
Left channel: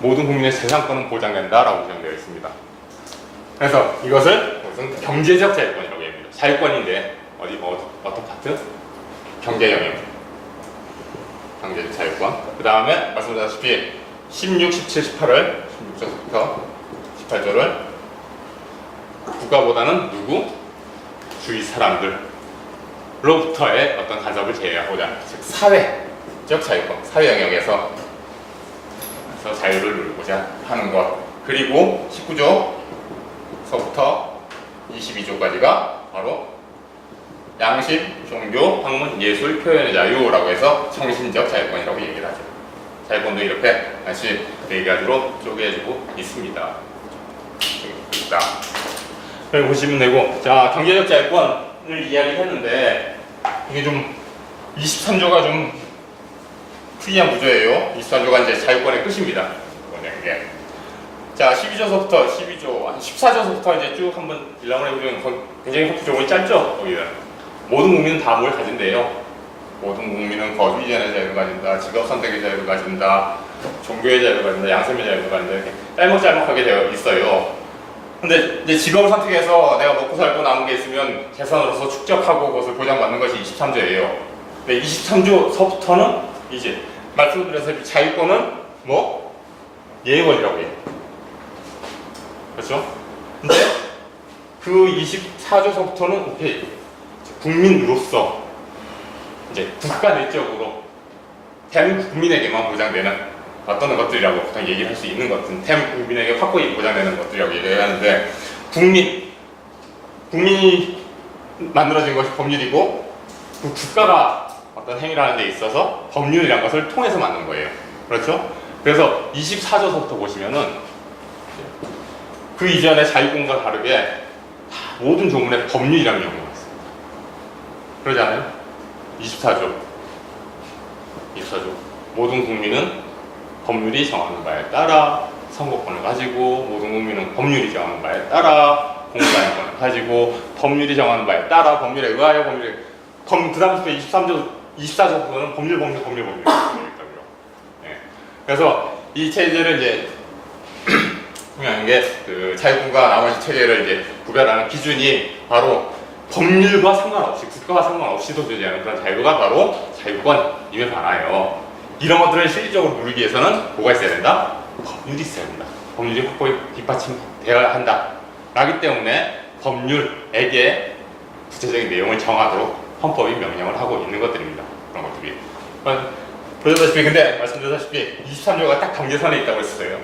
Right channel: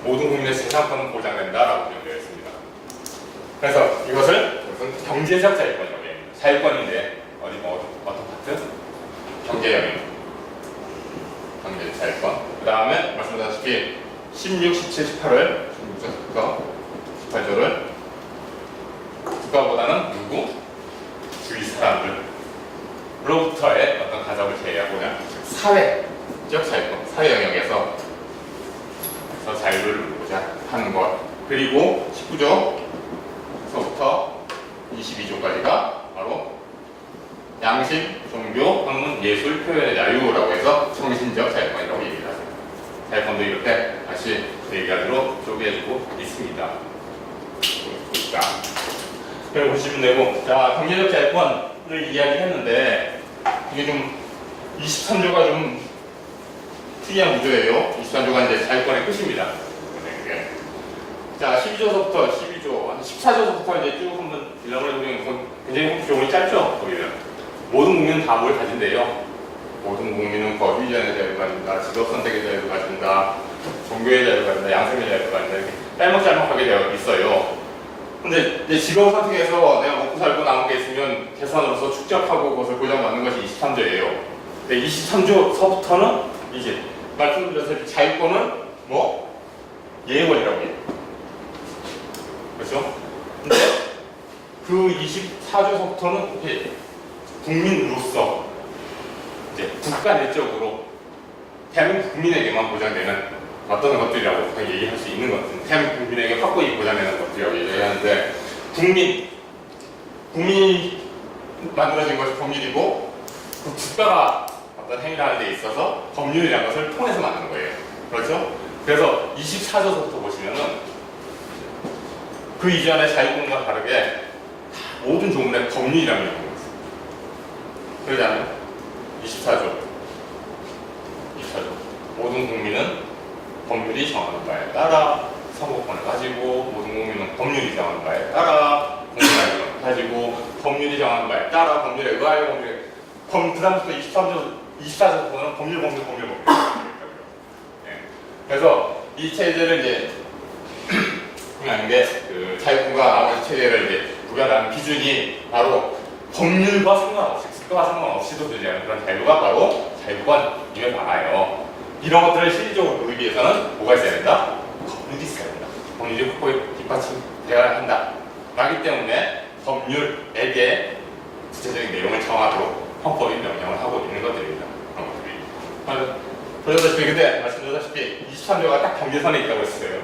모든 국민의 재산권은 보장된다라고 규정되어 있습니다. 그래서 이것을 경제적 자유권이라고 얘기합니다. 자유권인데 어떤 파트? 경제 영역. 경제적 자유권. 그 다음에 말씀드렸다시피 16, 17, 16조부터 18조를 국가보다는 주위 사람들로부터의 어떤 간섭을 제외하고자 하는, 즉 사회적 자유권, 사회 영역에서 자유를 누리고자 하는 것. 그리고 19조서부터 22조까지가 바로 양심, 종교, 학문, 예술, 표현의 자유라고 해서 정신적 자유권이라고 얘기를 하죠. 자유권도 이렇게 다시 4가지로 쪼개지고 있습니다. 자, 여기 보시면 되고, 자, 경제적 자유권을 이야기했는데 이게 좀 23조가 좀 특이한 구조예요. 23조가 이제 자유권의 끝입니다. 네, 자, 12조서부터 14조서부터 이제 쭉 한번 일랑을 해보면 굉장히 조금이 짧죠. 거기는 모든 국민은 다 뭘 가진대요. 모든 국민은 거주 이전의 자유를 가진다, 직업 선택의 자유를 가진다, 종교의 자유를 가진다, 양심의 자유를 가진다, 이렇게 짤막짤막하게 되어 있어요. 근데 이제 직업 선택해서 내가 먹고 살고 남은 게 있으면 재산으로서 축적하고 그것을 보장받는 것이 23조예요. 근데 23조서부터는 이제 말씀드렸듯이 자유권은 예외권이라고 해요. 그렇죠? 근데 그 24조서부터는 이렇게 국민으로서 이제 국가 내적으로 대한민국 국민에게만 보장되는 어떤 것들이라고 얘기할 수 있는 것은 대한민국 국민에게 확고히 보장되는 것들이라고 얘기를 하는데, 국민이 만들어진 것이 법률이고 그 국가가 어떤 행위를 하는 데 있어서 법률이라는 것을 통해서 만든 거예요. 그렇죠? 그래서 24조서부터 보시면은 그 이전의 자유권과 다르게 모든 조문에 법률이라는 용어가 있어요. 그러지 않아요? 24조. 모든 국민은 법률이 정하는 바에 따라 선거권을 가지고, 모든 국민은 법률이 정하는 바에 따라 공권을 가지고, 법률이 정하는 바에 따라 법률에 의하여 그 다음부터 24조부터는 법률. 예. 그래서 이 체제를 이제 중요한 게그 자유권과 나머지 체제를 이제 구별하는 기준이 바로 법률과 상관없이 국가와 상관없이도 존재하는 그런 자유가 바로 자유권임에 관하여 이런 것들을 실질적으로 누리기 위해서는 뭐가 있어야 된다? 법률이 있어야 된다. 법률이 확고히 뒷받침되어야 한다. 라기 때문에 법률에게 구체적인 내용을 정하도록 헌법이 명령을 하고 있는 것들입니다. 그런 것들이. 그러다시피 근데 말씀드렸다시피 23조가 딱 경계선에 있다고 했어요.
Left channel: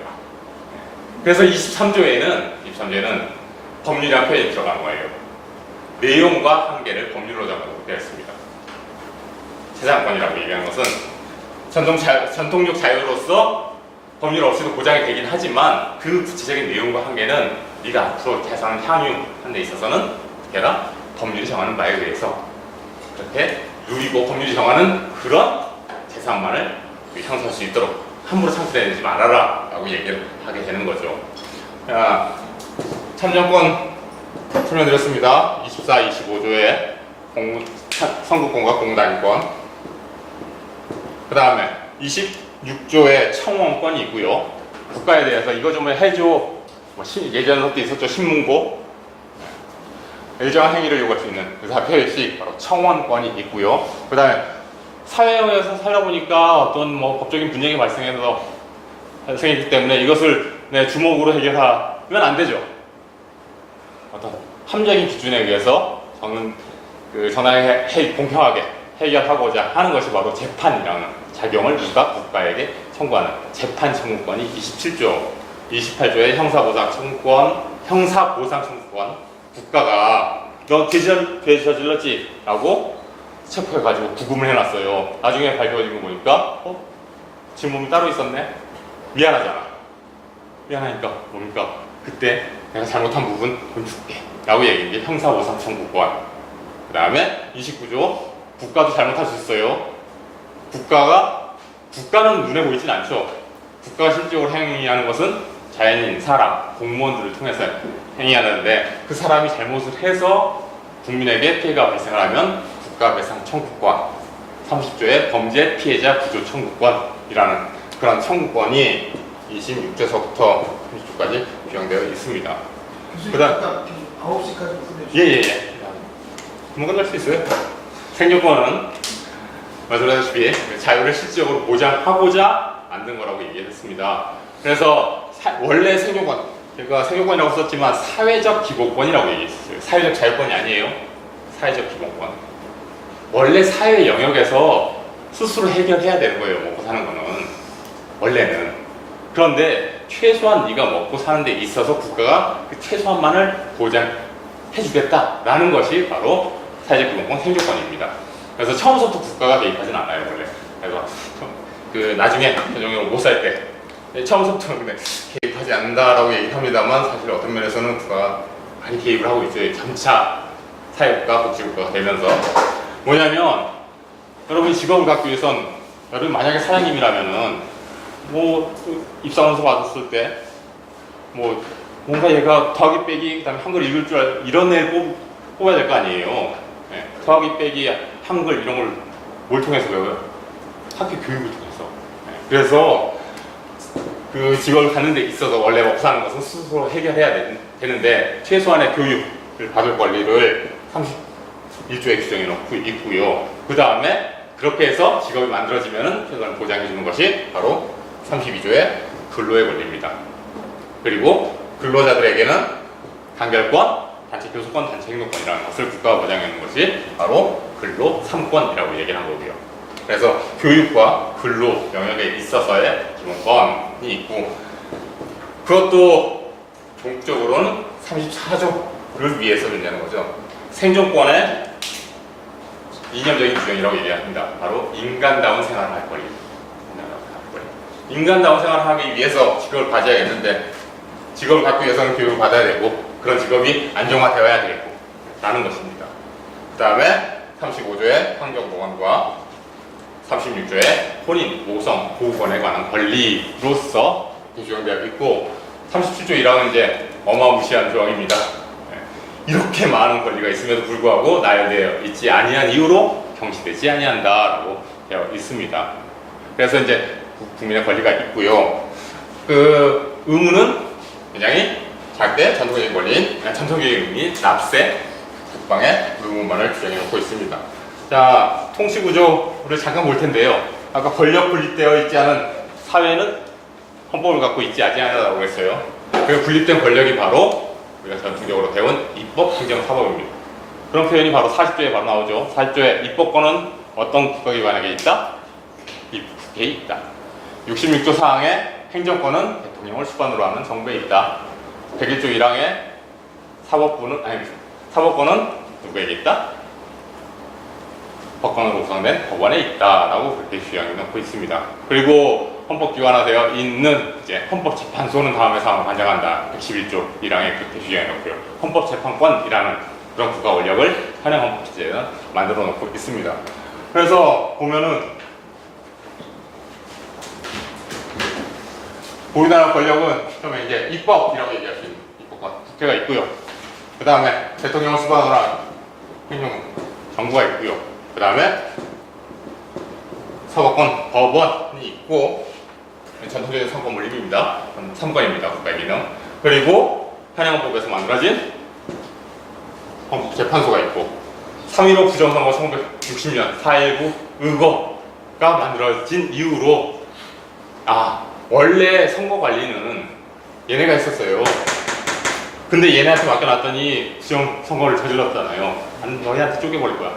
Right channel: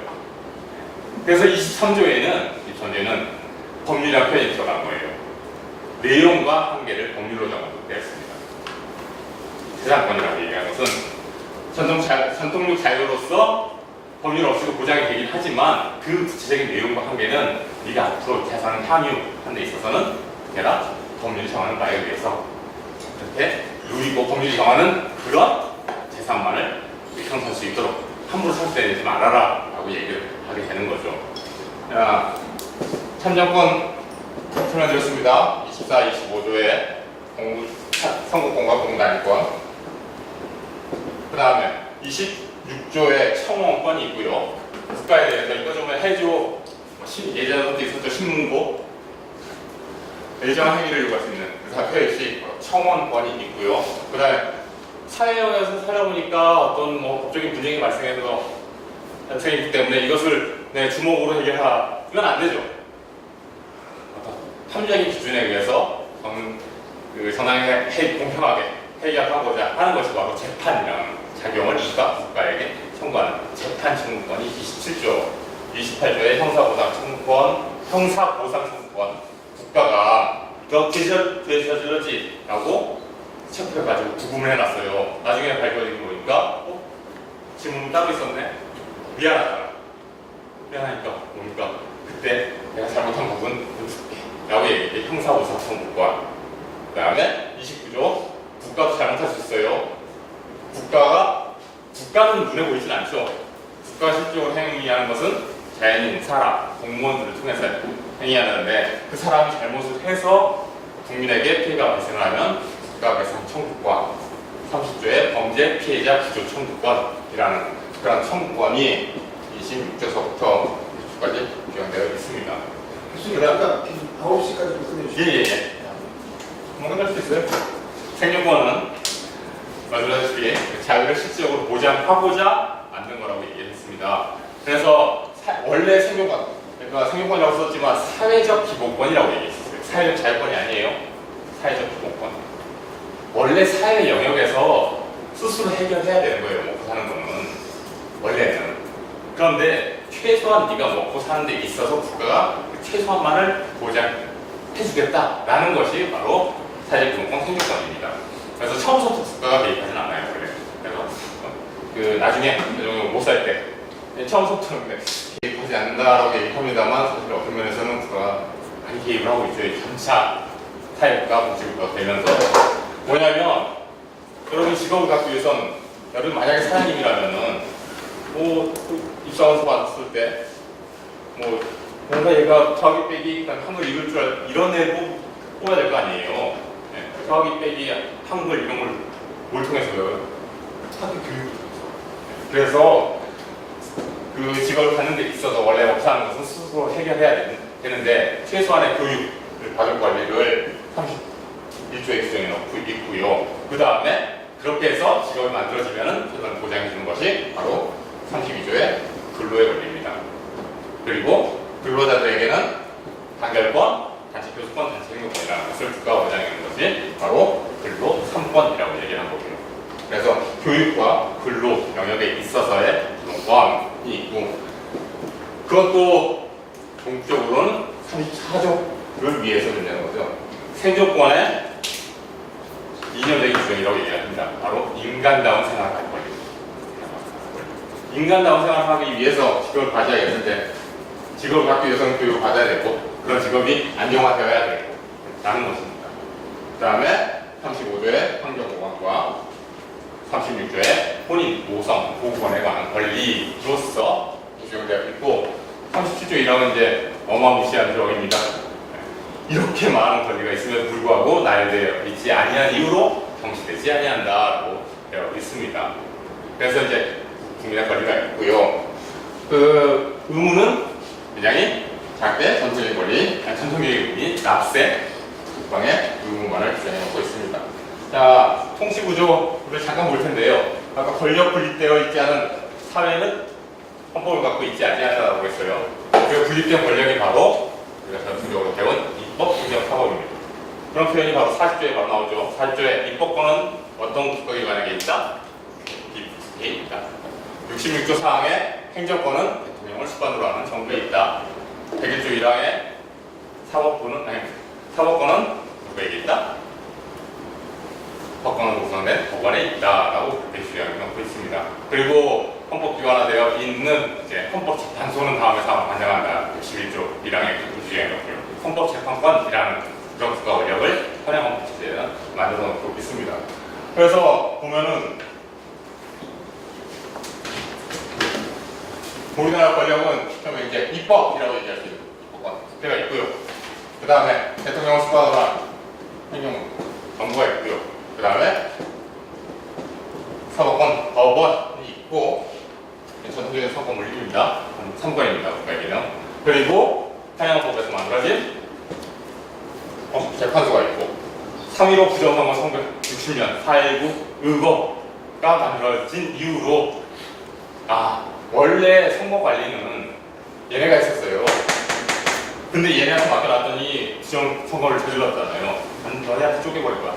그래서 23조에는 법률이라는 표현이 들어간 거예요. 내용과 한계를 법률로 잡아놓겠습니다. 재산권이라고 얘기하는 것은 전통적 자유로서 법률 없이도 보장이 되긴 하지만 그 구체적인 내용과 한계는 네가 앞으로 재산을 향유하는 데 있어서는 특히나 법률이 정하는 바에 의해서 그렇게 누리고 법률이 정하는 그런 재산만을 형성할 수 있도록 함부로 창출되지 말아라 라고 얘기를 하게 되는 거죠. 참정권 설명드렸습니다. 24, 25조의 선거권과 공단권, 그 다음에 26조의 청원권이 있고요. 국가에 대해서 이거 좀 해줘. 예전에도 있었죠. 신문고. 일정한 행위를 요구할 수 있는 의사표시 바로 청원권이 있고요. 그 다음에 사회에서 살다 보니까 어떤 법적인 분쟁이 발생했기 때문에 이것을 주먹으로 해결하면 안 되죠. 어떤 합리적인 기준에 의해서 전환에 공평하게 해결하고자 하는 것이 바로 재판이라는 작용을 누가 국가에게 청구하는 재판 청구권이 27조, 28조의 형사보상 청구권, 국가가 너 죄 저질렀지? 라고 체포해가지고 구금을 해놨어요. 나중에 밝혀진 거 보니까 질문이 따로 있었네? 미안하잖아. 미안하니까 뭡니까? 그때 내가 잘못한 부분 돈 줄게 라고 얘기해. 형사보상 청구권. 그 다음에 29조 국가도 잘못할 수 있어요. 국가는 눈에 보이진 않죠. 국가가 실질적으로 행위하는 것은 자연인, 사람, 공무원들을 통해서 행위하는데 그 사람이 잘못을 해서 국민에게 피해가 발생하면 국가배상 청구권, 30조의 범죄 피해자 구조 청구권이라는 그런 청구권이 26조에서부터 26조까지 규정되어 있습니다. 그다음 9시까지 끝내주세요. 예. 한번 끝날 수 있어요. 생존권은 말씀드렸다시피 자유를 실질적으로 보장하고자 만든 거라고 얘기했습니다. 그래서 원래 생존권, 제가 생존권이라고 썼지만 사회적 기본권이라고 얘기했어요. 사회적 자유권이 아니에요. 사회적 기본권. 원래 사회 영역에서 스스로 해결해야 되는 거예요. 먹고 사는 거는 원래는. 그런데 최소한 네가 먹고 사는 데 있어서 국가가 그 최소한만을 보장해주겠다라는 것이 바로 사회적 기본권 생존권입니다. 그래서 처음부터 국가가 개입하지는 않아요. 원래. 그래서 나중에 못 살 때 처음부터는 개입하지 않는다라고 얘기합니다만 사실 어떤 면에서는 국가가 많이 개입을 하고 있어요. 점차 사회국가, 복지국가가 되면서 뭐냐면 여러분이 직업을 갖기 위해선 여러분 만약에 사장님이라면은 입사원서 받았을 때 뭔가 얘가 더하기 빼기 그다음에 한글 읽을 줄 이런 애 뽑아야 될 거 아니에요. 네. 더하기 빼기 한글 이런 걸 뭘 통해서 배워요? 학교 교육을 통해서. 네. 그래서 그 직업을 갖는 데 있어서 원래 업사하는 것은 스스로 해결해야 되는데 최소한의 교육을 받을 권리를 31조에 규정해 놓고 있고요. 그 다음에 그렇게 해서 직업이 만들어지면 최소한 보장해 주는 것이 바로 32조의 근로의 권리입니다. 그리고 근로자들에게는 단결권, 단체 교수권, 단체 행동권이라는 것을 국가가 보장해 주는 것이 바로 근로 3권이라고 얘기한 거고요. 그래서 교육과 근로 영역에 있어서의 기본권이 있고 그것도 종적으로는 34조를 위해서 존재하는 거죠. 생존권의 이념적인 규정이라고 얘기합니다. 바로 인간다운 생활을 할 권리. 인간다운 생활을 하기 위해서 직업을 가져야겠는데 직업을 갖기 위해서는 교육을 받아야 되고 그런 직업이 안정화되어야 되고 라는 것입니다. 그 다음에 35조의 환경보건과 36조의 혼인, 모성, 보호권에 관한 권리로서 규정되어 있고 37조 1항은 이제 어마무시한 조항입니다. 이렇게 많은 권리가 있음에도 불구하고 나열되어 있지 아니한 이유로 경시되지 아니한다라고 되어 있습니다. 그래서 이제 국민의 권리가 있고요. 그 의무는 굉장히 작대 전통적인 권리, 전통적인 의미, 납세, 국방의 의무만을 규정해 놓고 있습니다. 자, 통치구조를 잠깐 볼 텐데요. 아까 권력 분립되어 있지 않은 사회는 헌법을 갖고 있지 아니하다고 했어요. 그 분립된 권력이 바로 우리가 전통적으로 배운 입법, 행정, 사법입니다. 그런 표현이 바로 40조에 바로 나오죠. 40조에 입법권은 어떤 국가기관에게 있다? 국회에 있다. 66조 사항에 행정권은 대통령을 수반으로 하는 정부에 있다. 101조 1항에 사법권은 누구에게 있다? 법관으로 구성된 법원에 있다라고 그렇게 규정해 놓고 있습니다. 그리고 헌법기관화되어 있는 이제 헌법재판소는 다음에 사항을 반영한다. 111조 1항에 그렇게 규정해 놓고요. 헌법재판권이라는 그런 국가 권력을 현행 헌법체제에는 만들어 놓고 있습니다. 그래서 보면은 우리나라 권력은 처음에 이제 입법이라고 얘기할 수 있는 입법권, 국회가 있고요. 그 다음에 대통령 수반을 한 행정 정부가 있고요. 그 다음에 사법권, 법원이 있고 전통적인 사법권 일부입니다. 3권입니다. 국가기능. 그리고 현행헌법에서 만들어진 헌법재판소가 있고 3.15 부정선거 1960년 4.19 의거가 만들어진 이후로 원래 선거관리는 얘네가 있었어요. 근데 얘네한테 맡겨놨더니 부정선거를 저질렀잖아요. 너희한테 쪼개버릴 거야.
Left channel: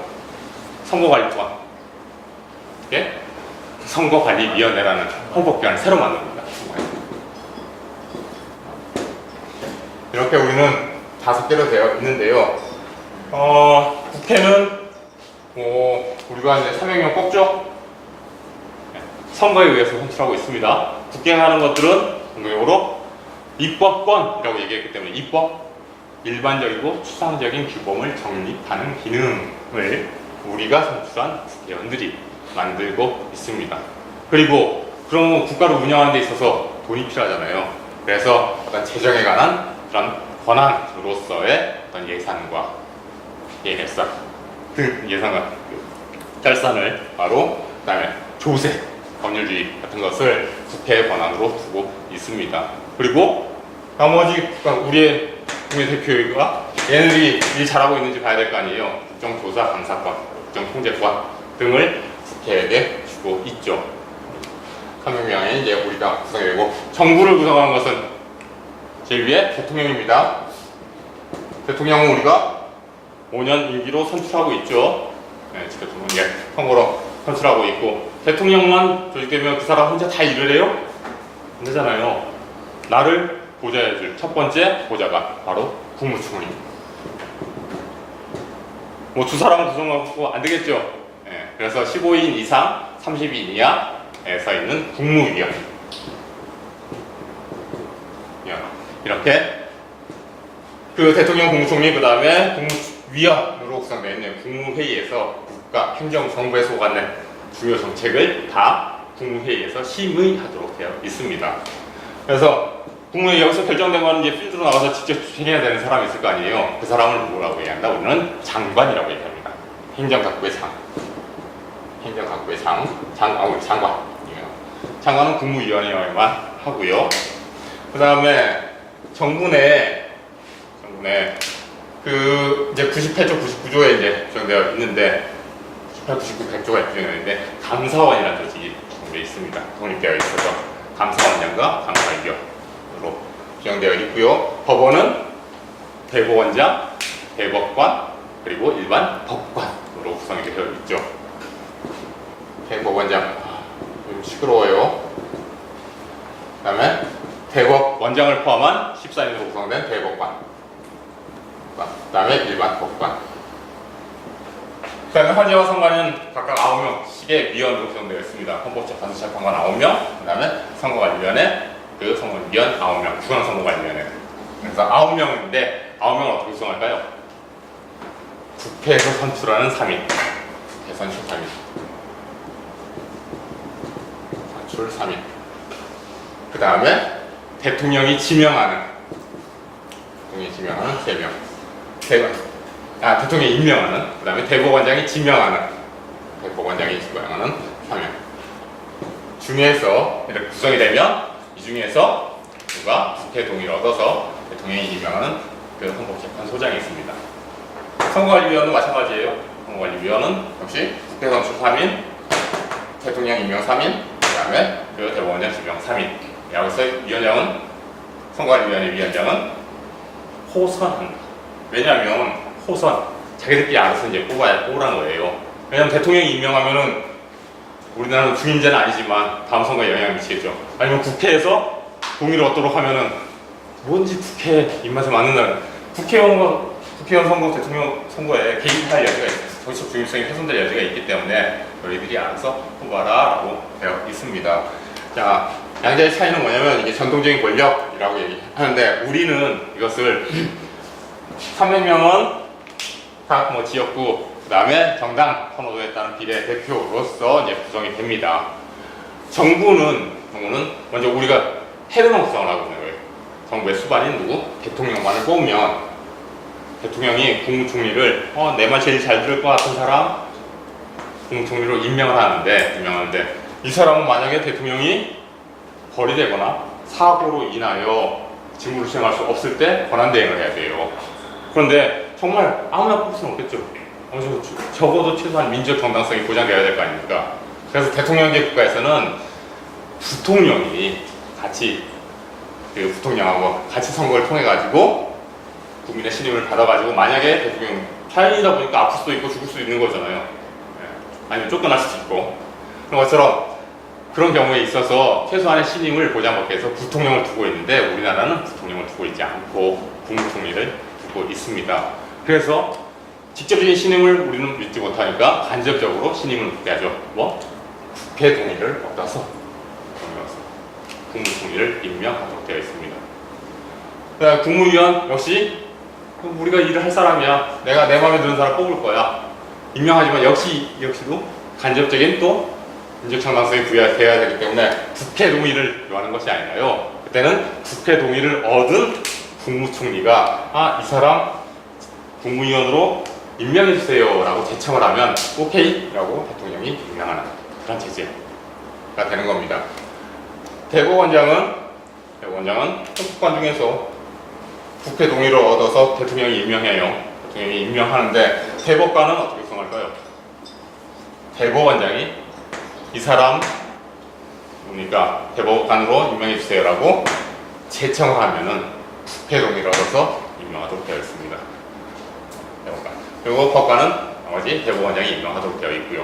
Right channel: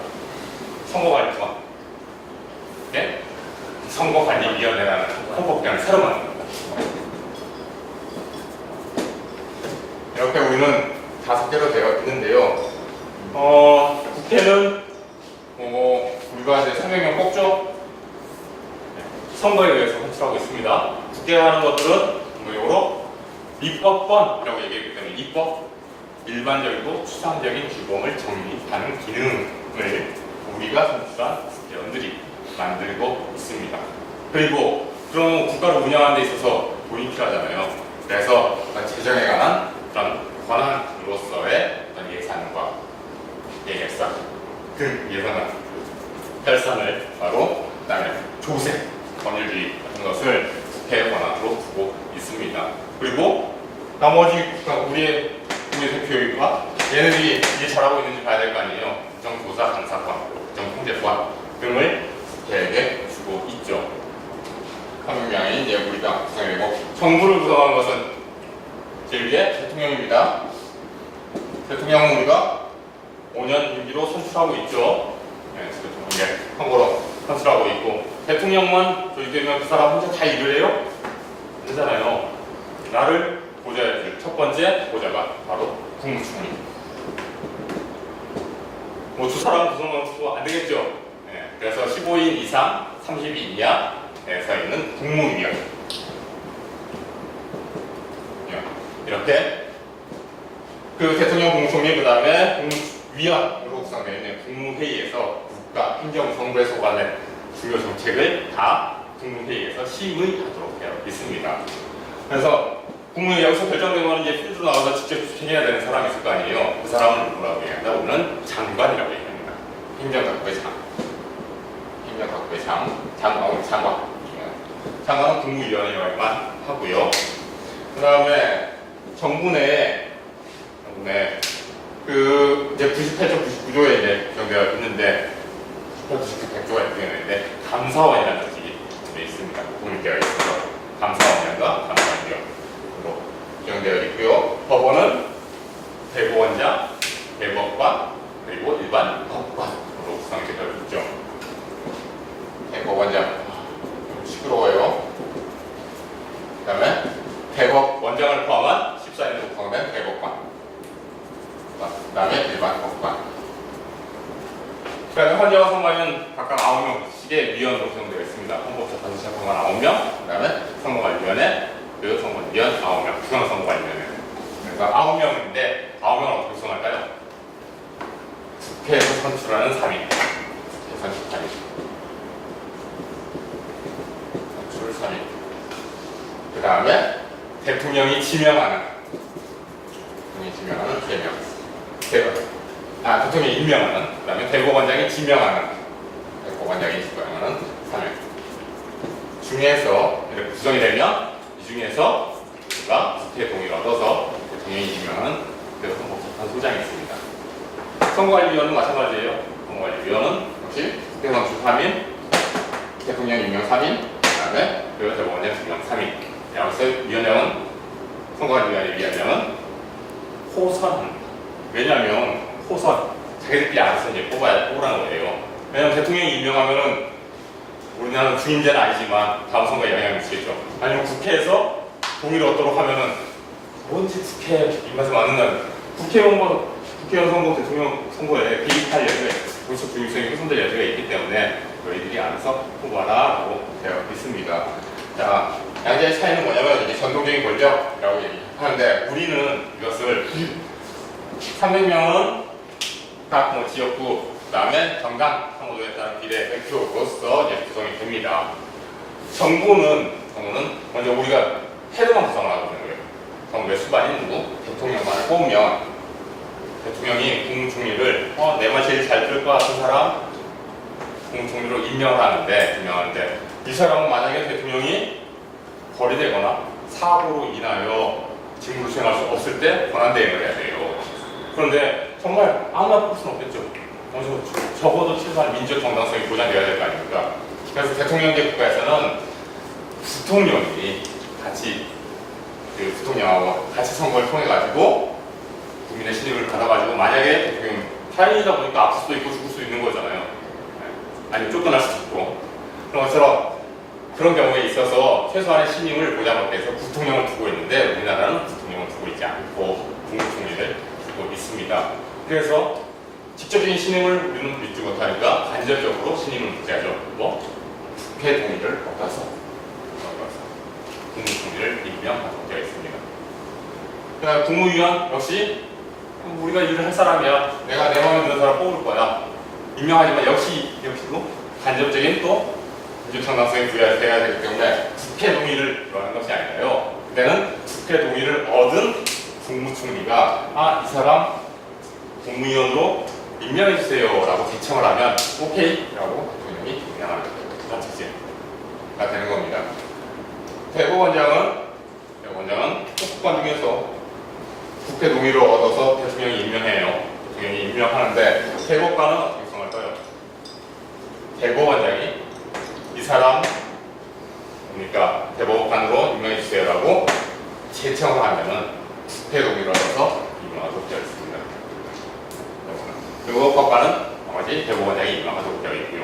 선거관리권. 예? 선거관리위원회라는 헌법기관을 새로 만든 겁니다. 이렇게 우리는 5개로 되어 있는데요. 국회는 우리가 이제 300명 뽑죠? 선거에 의해서 선출하고 있습니다. 국회가 하는 것들은 공동적으로 입법권이라고 얘기했기 때문에 입법, 일반적이고 추상적인 규범을 정립하는 기능을 우리가 선출한 국회의원들이 만들고 있습니다. 그리고 그런 국가를 운영하는 데 있어서 돈이 필요하잖아요. 그래서 재정에 관한 그런 권한으로서의 어떤 예산과 예산 등 예산과 결산을 바로 그다음에 조세, 법률주의 같은 것을 국회의 권한으로 두고 있습니다. 그리고 나머지 우리의 국민대표가 얘네들이 일 잘하고 있는지 봐야 될 거 아니에요. 국정조사 감사권, 국정통제권 등을 국회에게 주고 있죠. 3명이 이제 우리가 구성이 되고 정부를 구성하는 것은 제일 위에 대통령입니다. 대통령은 우리가 5년 임기로 선출하고 있죠. 네, 대통령에 선거로 선출하고 있고 대통령만 조직되면 그 사람 혼자 다 일을 해요? 안 되잖아요. 나를 보좌해줄 첫 번째 보좌가 바로 국무총리입니다. 뭐 두 사람 구성하고 안 되겠죠. 네, 그래서 15인 이상, 30인 이하에 서 있는 국무위원. 이렇게 그 대통령 국무총리 그 다음에 국무위원으로 구성되어 있는 국무회의에서 국가 행정정부에 속하는 주요 정책을 다 국무회의에서 심의하도록 되어 있습니다. 그래서 국무회의 여기서 결정된 거는 이제 필드로 나가서 직접 수행해야 되는 사람이 있을 거 아니에요. 그 사람을 누구라고 얘기한다? 우리는 장관이라고 얘기합니다. 행정각부의 장. 행정각부의 장관. 장관은 국무위원회만 하고요. 그 다음에 정부 내 그 이제 98조, 99조에 이제 규정되어 있는데 99, 100조가 규정되는데 감사원이라는 조직이 정부에 있습니다. 독립되어 있어서 감사원장과 감사위원으로 규정되어 있고요. 법원은 대법원장, 대법관 그리고 일반 법관으로 구성이 되어 있죠. 대법원장 좀 시끄러워요. 그다음에 대법원장을 포함한 14인으로 구성된 대법관. 그 다음에 일반 법관. 그 다음에 환자와 상관은 각각 9명씩의 위원으로 구성되어 있습니다. 헌법재판소 재판관 9명, 그 다음에 선거관리위원회, 그 선거위원 9명, 중앙선거관리위원회. 그래서 9명인데 9명을 어떻게 구성할까요? 국회에서 선출하는 3인. 국회 선출 3인. 선출 3인. 그 다음에 대통령이 지명하는 3명. 대통령이 임명하는, 그 다음에 대법원장이 지명하는, 대법원장이 지명하는 사면 중에서 이렇게 구성이 되면 이 중에서 누가 국회 동의를 얻어서 대통령이 임명하는 그 헌법재판소장이 있습니다. 선거관리위원은 마찬가지예요. 선거관리위원은 역시 국회 선출 3인, 대통령 임명 3인, 그 다음에 대법원장 지명 3인. 여기서 위원장은 선거관리위원회 위원장은 호선한다. 왜냐하면 호선 자기들끼리 알아서 이제 뽑으라는 거예요. 왜냐하면 대통령이 임명하면은 우리나라는 주임제는 아니지만 다음 선거에 영향을 미치겠죠. 아니면 국회에서 동의를 얻도록 하면은 뭔지 국회 입맛에 맞는 날 국회의원 선거, 대통령 선거에 개입할 여지가 있어요. 정치적 중립성이 훼손될 여지가 있기 때문에 저희들이 알아서 뽑아라라고 되어 있습니다. 자, 양자의 차이는 뭐냐면 이게 전통적인 권력이라고 얘기하는데 우리는 이것을 300명은 각 지역구 그 다음에 정당 선호도에 따른 비례 대표로서 이제 구성이 됩니다. 정부는 먼저 우리가 헤드만 구성을 하고 있는 거예요. 정부의 수반인 누구? 대통령만을 뽑으면 대통령이 국무총리를 내 말 제일 잘 들을 것 같은 사람 국무총리로 임명하는데 이 사람은 만약에 대통령이 거리되거나 사고로 인하여 직무를 수행할 수 없을 때 권한대행을 해야 돼요. 그런데 정말 아무나 뽑을 수는 없겠죠. 적어도 최소한 민주적 정당성이 보장되어야 될 거 아닙니까? 그래서 대통령제 국가에서는 부통령이 같이 그 부통령하고 같이 선거를 통해 가지고 국민의 신임을 받아가지고 만약에 대통령 타인이다 보니까 아플 수도 있고 죽을 수도 있는 거잖아요. 아니면 쫓겨날 수도 있고 그런 것처럼 그런 경우에 있어서 최소한의 신임을 보장받기 위해서 부통령을 두고 있는데 우리나라는 부통령을 두고 있지 않고 국무총리를 두고 있습니다. 그래서 직접적인 신임을 우리는 믿지 못하니까 간접적으로 신임을 믿게 하죠. 국회 동의를 얻어서 국무총리를 임명하도록 되어 있습니다. 국무위원 역시 우리가 일을 할 사람이야. 내가 내 마음에 드는 사람 뽑을 거야. 임명하지만 역시도 간접적인 또 민주적 정당성이 부여돼야 되기 때문에 국회 동의를 요하는 것이 아니라요. 그때는 국회 동의를 얻은 국무총리가 이 사람 국무위원으로 임명해 주세요 라고 제청을 하면 오케이 라고 대통령이 임명하는 그런 체제가 되는 겁니다. 대법원장은 헌법관 중에서 국회 동의를 얻어서 대통령이 임명해요. 대통령이 임명하는데 대법관은 어떻게 구성할까요? 대법원장이 이 사람 그러니까 대법관으로 임명해 주세요라고 제청을 하면은 국회 동의를 얻어서 임명하도록 되어 있습니다. 대법관. 그리고 법관은 나머지 대법원장이 임명하도록 되어 있고요.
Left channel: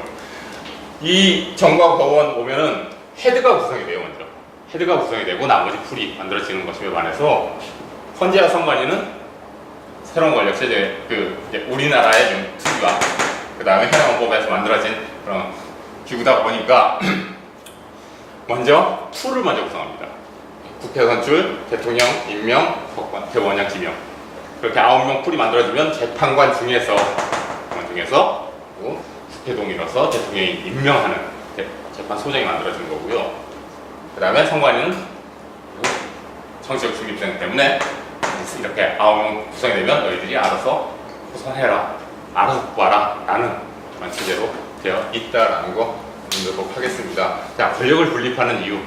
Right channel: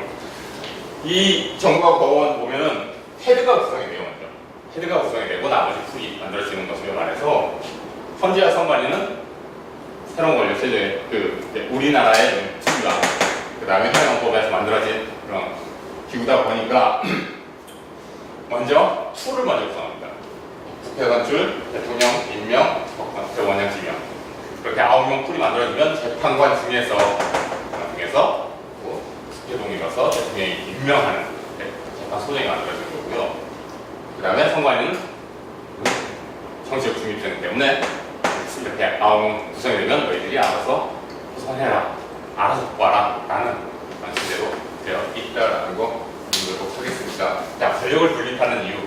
이 정부와 법원 보면은 헤드가 구성이 돼요. 먼저 헤드가 구성이 되고 나머지 풀이 만들어지는 것에 반해서 헌재와 선관위는 새로운 권력 체제 우리나라의 특유와 그 다음에 현행헌법에서 만들어진 그런 기구다 보니까 먼저 풀을 먼저 구성합니다. 국회 선출, 대통령 임명, 법관, 대법원장 지명 그렇게 9명 풀이 만들어지면 재판관 중에서 국회 동의로서 대통령이 임명하는 재판소장이 만들어지는 거고요. 그 다음에 선관위는 정치적 중립성 때문에 이렇게 9명 구성이 되면 너희들이 알아서 구성해라, 알아서 뽑아라 라는 그런 체제로 되어 있다라는 거 공부하도록 하겠습니다. 자, 권력을 분립하는 이유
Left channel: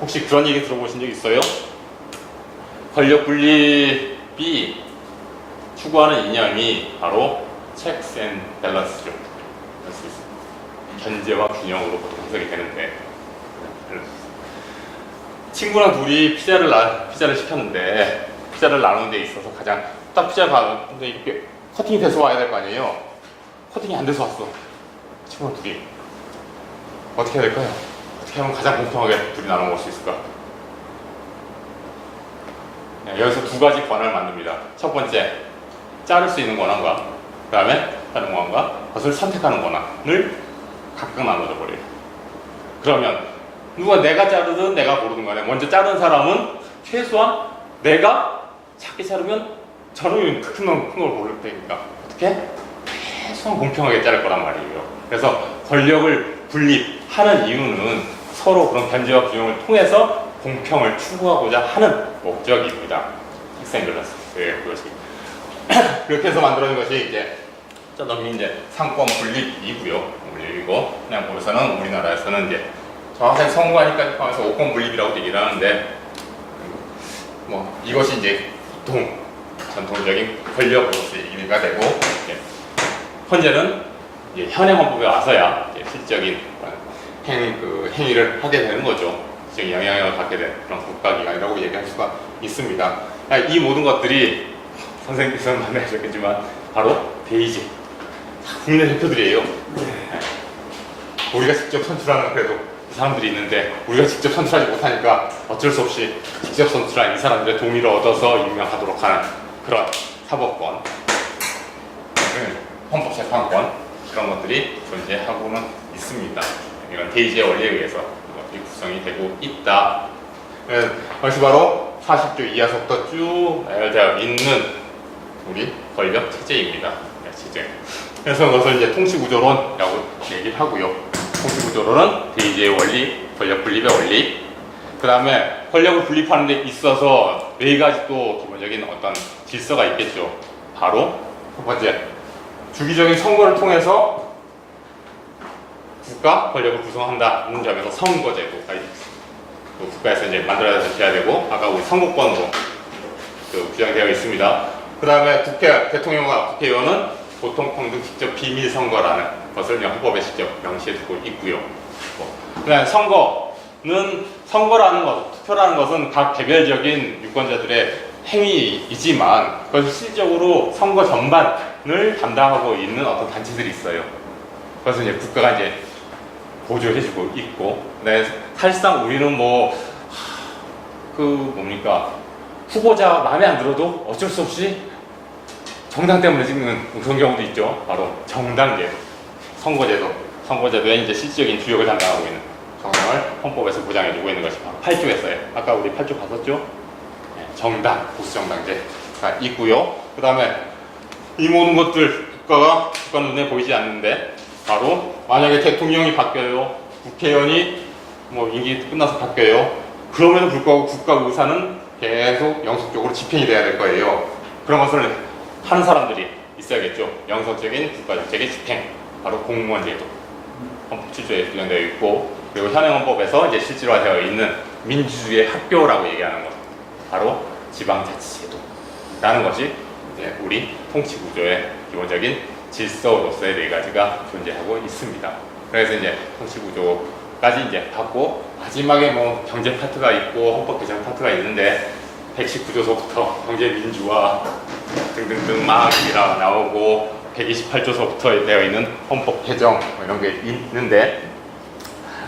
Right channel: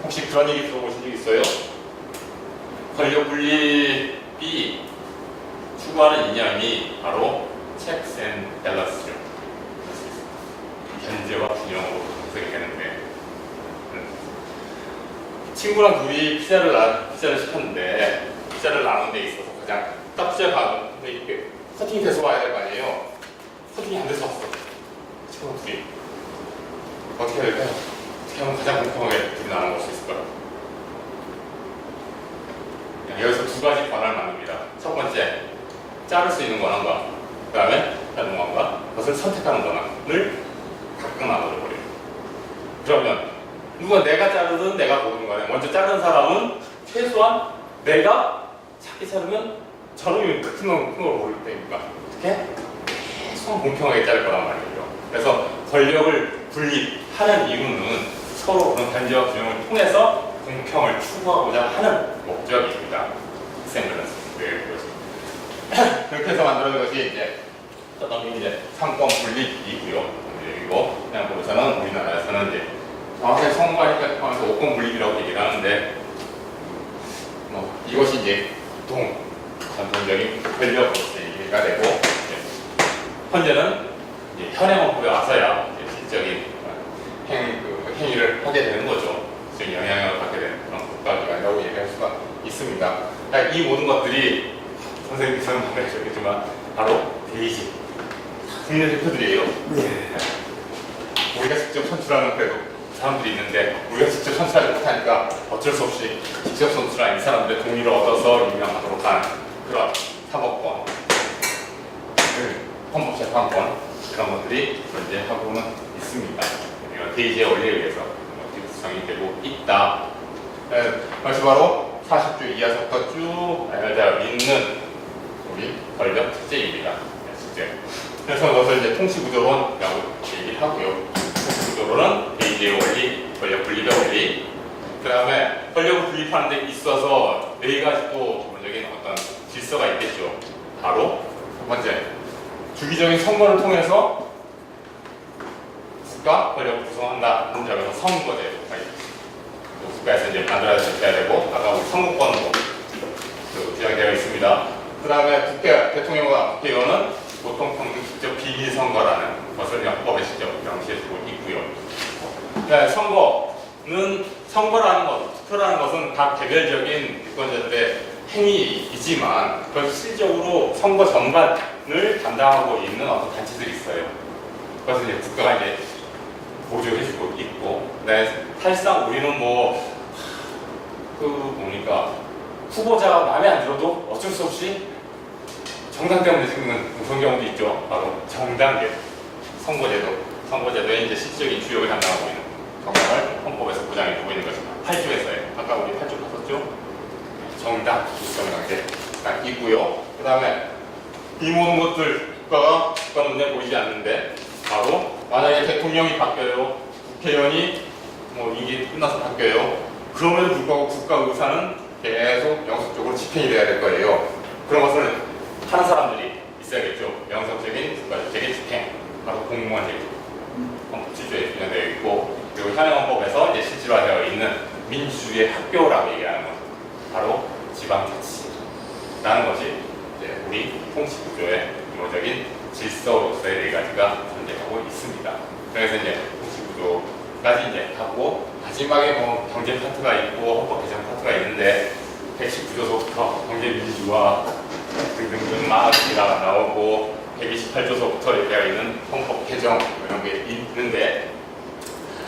혹시 그런 얘기 들어보신 적 있어요? 권력 분립이 추구하는 이념이 바로 checks and balances 견제와 균형으로 해석이 되는데 친구랑 둘이 피자를 시켰는데 피자를 나누는 데 있어서 가장 딱 피자 가는데 이렇게 커팅이 돼서 와야 될 거 아니에요. 커팅이 안 돼서 왔어. 친구랑 둘이 어떻게 해야 될까요? 어떻게 하면 가장 공평하게 둘이 나눠 먹을 수 있을까? 여기서 두 가지 권한을 만듭니다. 첫 번째, 자를 수 있는 권한과 그 다음에 다른 권한과 그것을 선택하는 권한을 각각 나눠줘 버려요. 그러면 누가 내가 자르든 내가 고르는 거예요. 먼저 자른 사람은 최소한 내가 작게 자르면 저는 큰 걸 고를 테니까 어떻게? 최소한 공평하게 자를 거란 말이에요. 그래서 권력을 분립하는 이유는 서로 그런 견제와 균형을 통해서 공평을 추구하고자 하는 목적입니다. 엑센 밸런스. 그것이. 그렇게 해서 만들어진 것이 이제 저놈이 이제 상권 분립이고요. 그리고 그냥 거기서는 우리나라에서는 이제 정확하게 선거하니까 하면서 5권 분립이라고 얘기를 하는데 뭐 이것이 이제 보통 전통적인 권력으로서 얘기가 되고 현재는 이제 현행 헌법에 와서야 이제 실적인 행위를 하게 되는 거죠. 지금 영향을 받게 되는 그런 국가기관이라고 얘기할 수가 있습니다. 이 모든 것들이 선생님께서는 말씀하셨겠지만 바로 베이직 국내 대표들이에요. 우리가 직접 선출하는 그래도 이 사람들이 있는데 우리가 직접 선출하지 못하니까 어쩔 수 없이 직접 선출한 이 사람들의 동의를 얻어서 임명하도록 하는 그런 사법권, 헌법재판권 이런 것들이 존재하고는 있습니다. 이런 베이지의 원리에 의해서 구성이 되고 있다. 그것이 바로 40조 이하서부터 쭉 되어 있는 우리 권력 특제입니다. 그래서 그것을 이제 통치구조론이라고 얘기하고요. 통치구조론은 베이지의 원리, 권력 분립의 원리. 그 다음에 권력을 분립하는 데 있어서 네 가지 또 기본적인 어떤 질서가 있겠죠. 바로 첫 번째, 주기적인 선거를 통해서 국가 권력을 구성한다는 점에서 선거제도가 있습니다. 국가에서 이제 만들어져야 되고, 아까 우리 선거권으로 규정이 되어 있습니다. 그 다음에 대통령과 국회의원은 보통 평등 직접 비밀 선거라는 것을 헌법에 직접 명시해주고 있고요. 그다음에 선거라는 것, 투표라는 것은 각 개별적인 유권자들의 행위이지만 그것이 실질적으로 선거 전반을 담당하고 있는 어떤 단체들이 있어요. 그래서 이제 국가가 이제 보조해주고 있고, 그다음에 사실상 우리는 후보자가 마음에 안 들어도 어쩔 수 없이 정당 때문에 찍는 그런 경우도 있죠. 바로 정당제도, 선거제도의 이제 실질적인 주역을 담당하고 있는 정당을 헌법에서 보장해주고 있는 것이 8조였어요. 아까 우리 8조 봤었죠? 정당, 보수정당제가 있고요. 그 다음에 이 모든 것들 국가 눈에 보이지 않는데 바로 만약에 대통령이 바뀌어요, 국회의원이 임기 끝나서 바뀌어요. 그럼에도 불구하고 국가 의사는 계속 영속적으로 집행이 돼야 될 거예요. 그런 것을 하는 사람들이 있어야겠죠. 영속적인 국가적인 집행, 바로 공무원제도, 헌법 7조에 규정되어 있고, 그리고 현행헌법에서 이제 실질화되어 있는 민주주의의 학교라고 얘기하는 것, 바로 지방자치제도라는 것이 이제 우리 통치구조의 기본적인 질서로서의 네 가지가 존재하고 있습니다. 그래서 이제 통치구조까지 이제 하고, 마지막에 경제 파트가 있고 헌법 개정 파트가 있는데 119조서부터 경제민주화 등등등 막 나오고 128조서부터 되어 있는 헌법 개정 이런 게 있는데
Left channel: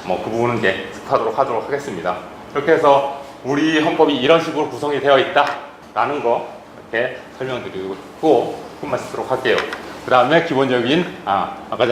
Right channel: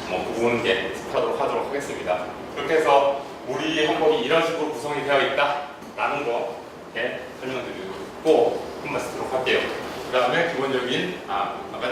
그 부분은 이제 하도록 하겠습니다. 그렇게 해서 우리 헌법이 이런 식으로 구성이 되어 있다라는 거 이렇게 설명드리고 끝마치도록 할게요. 그 다음에 기본적인 아까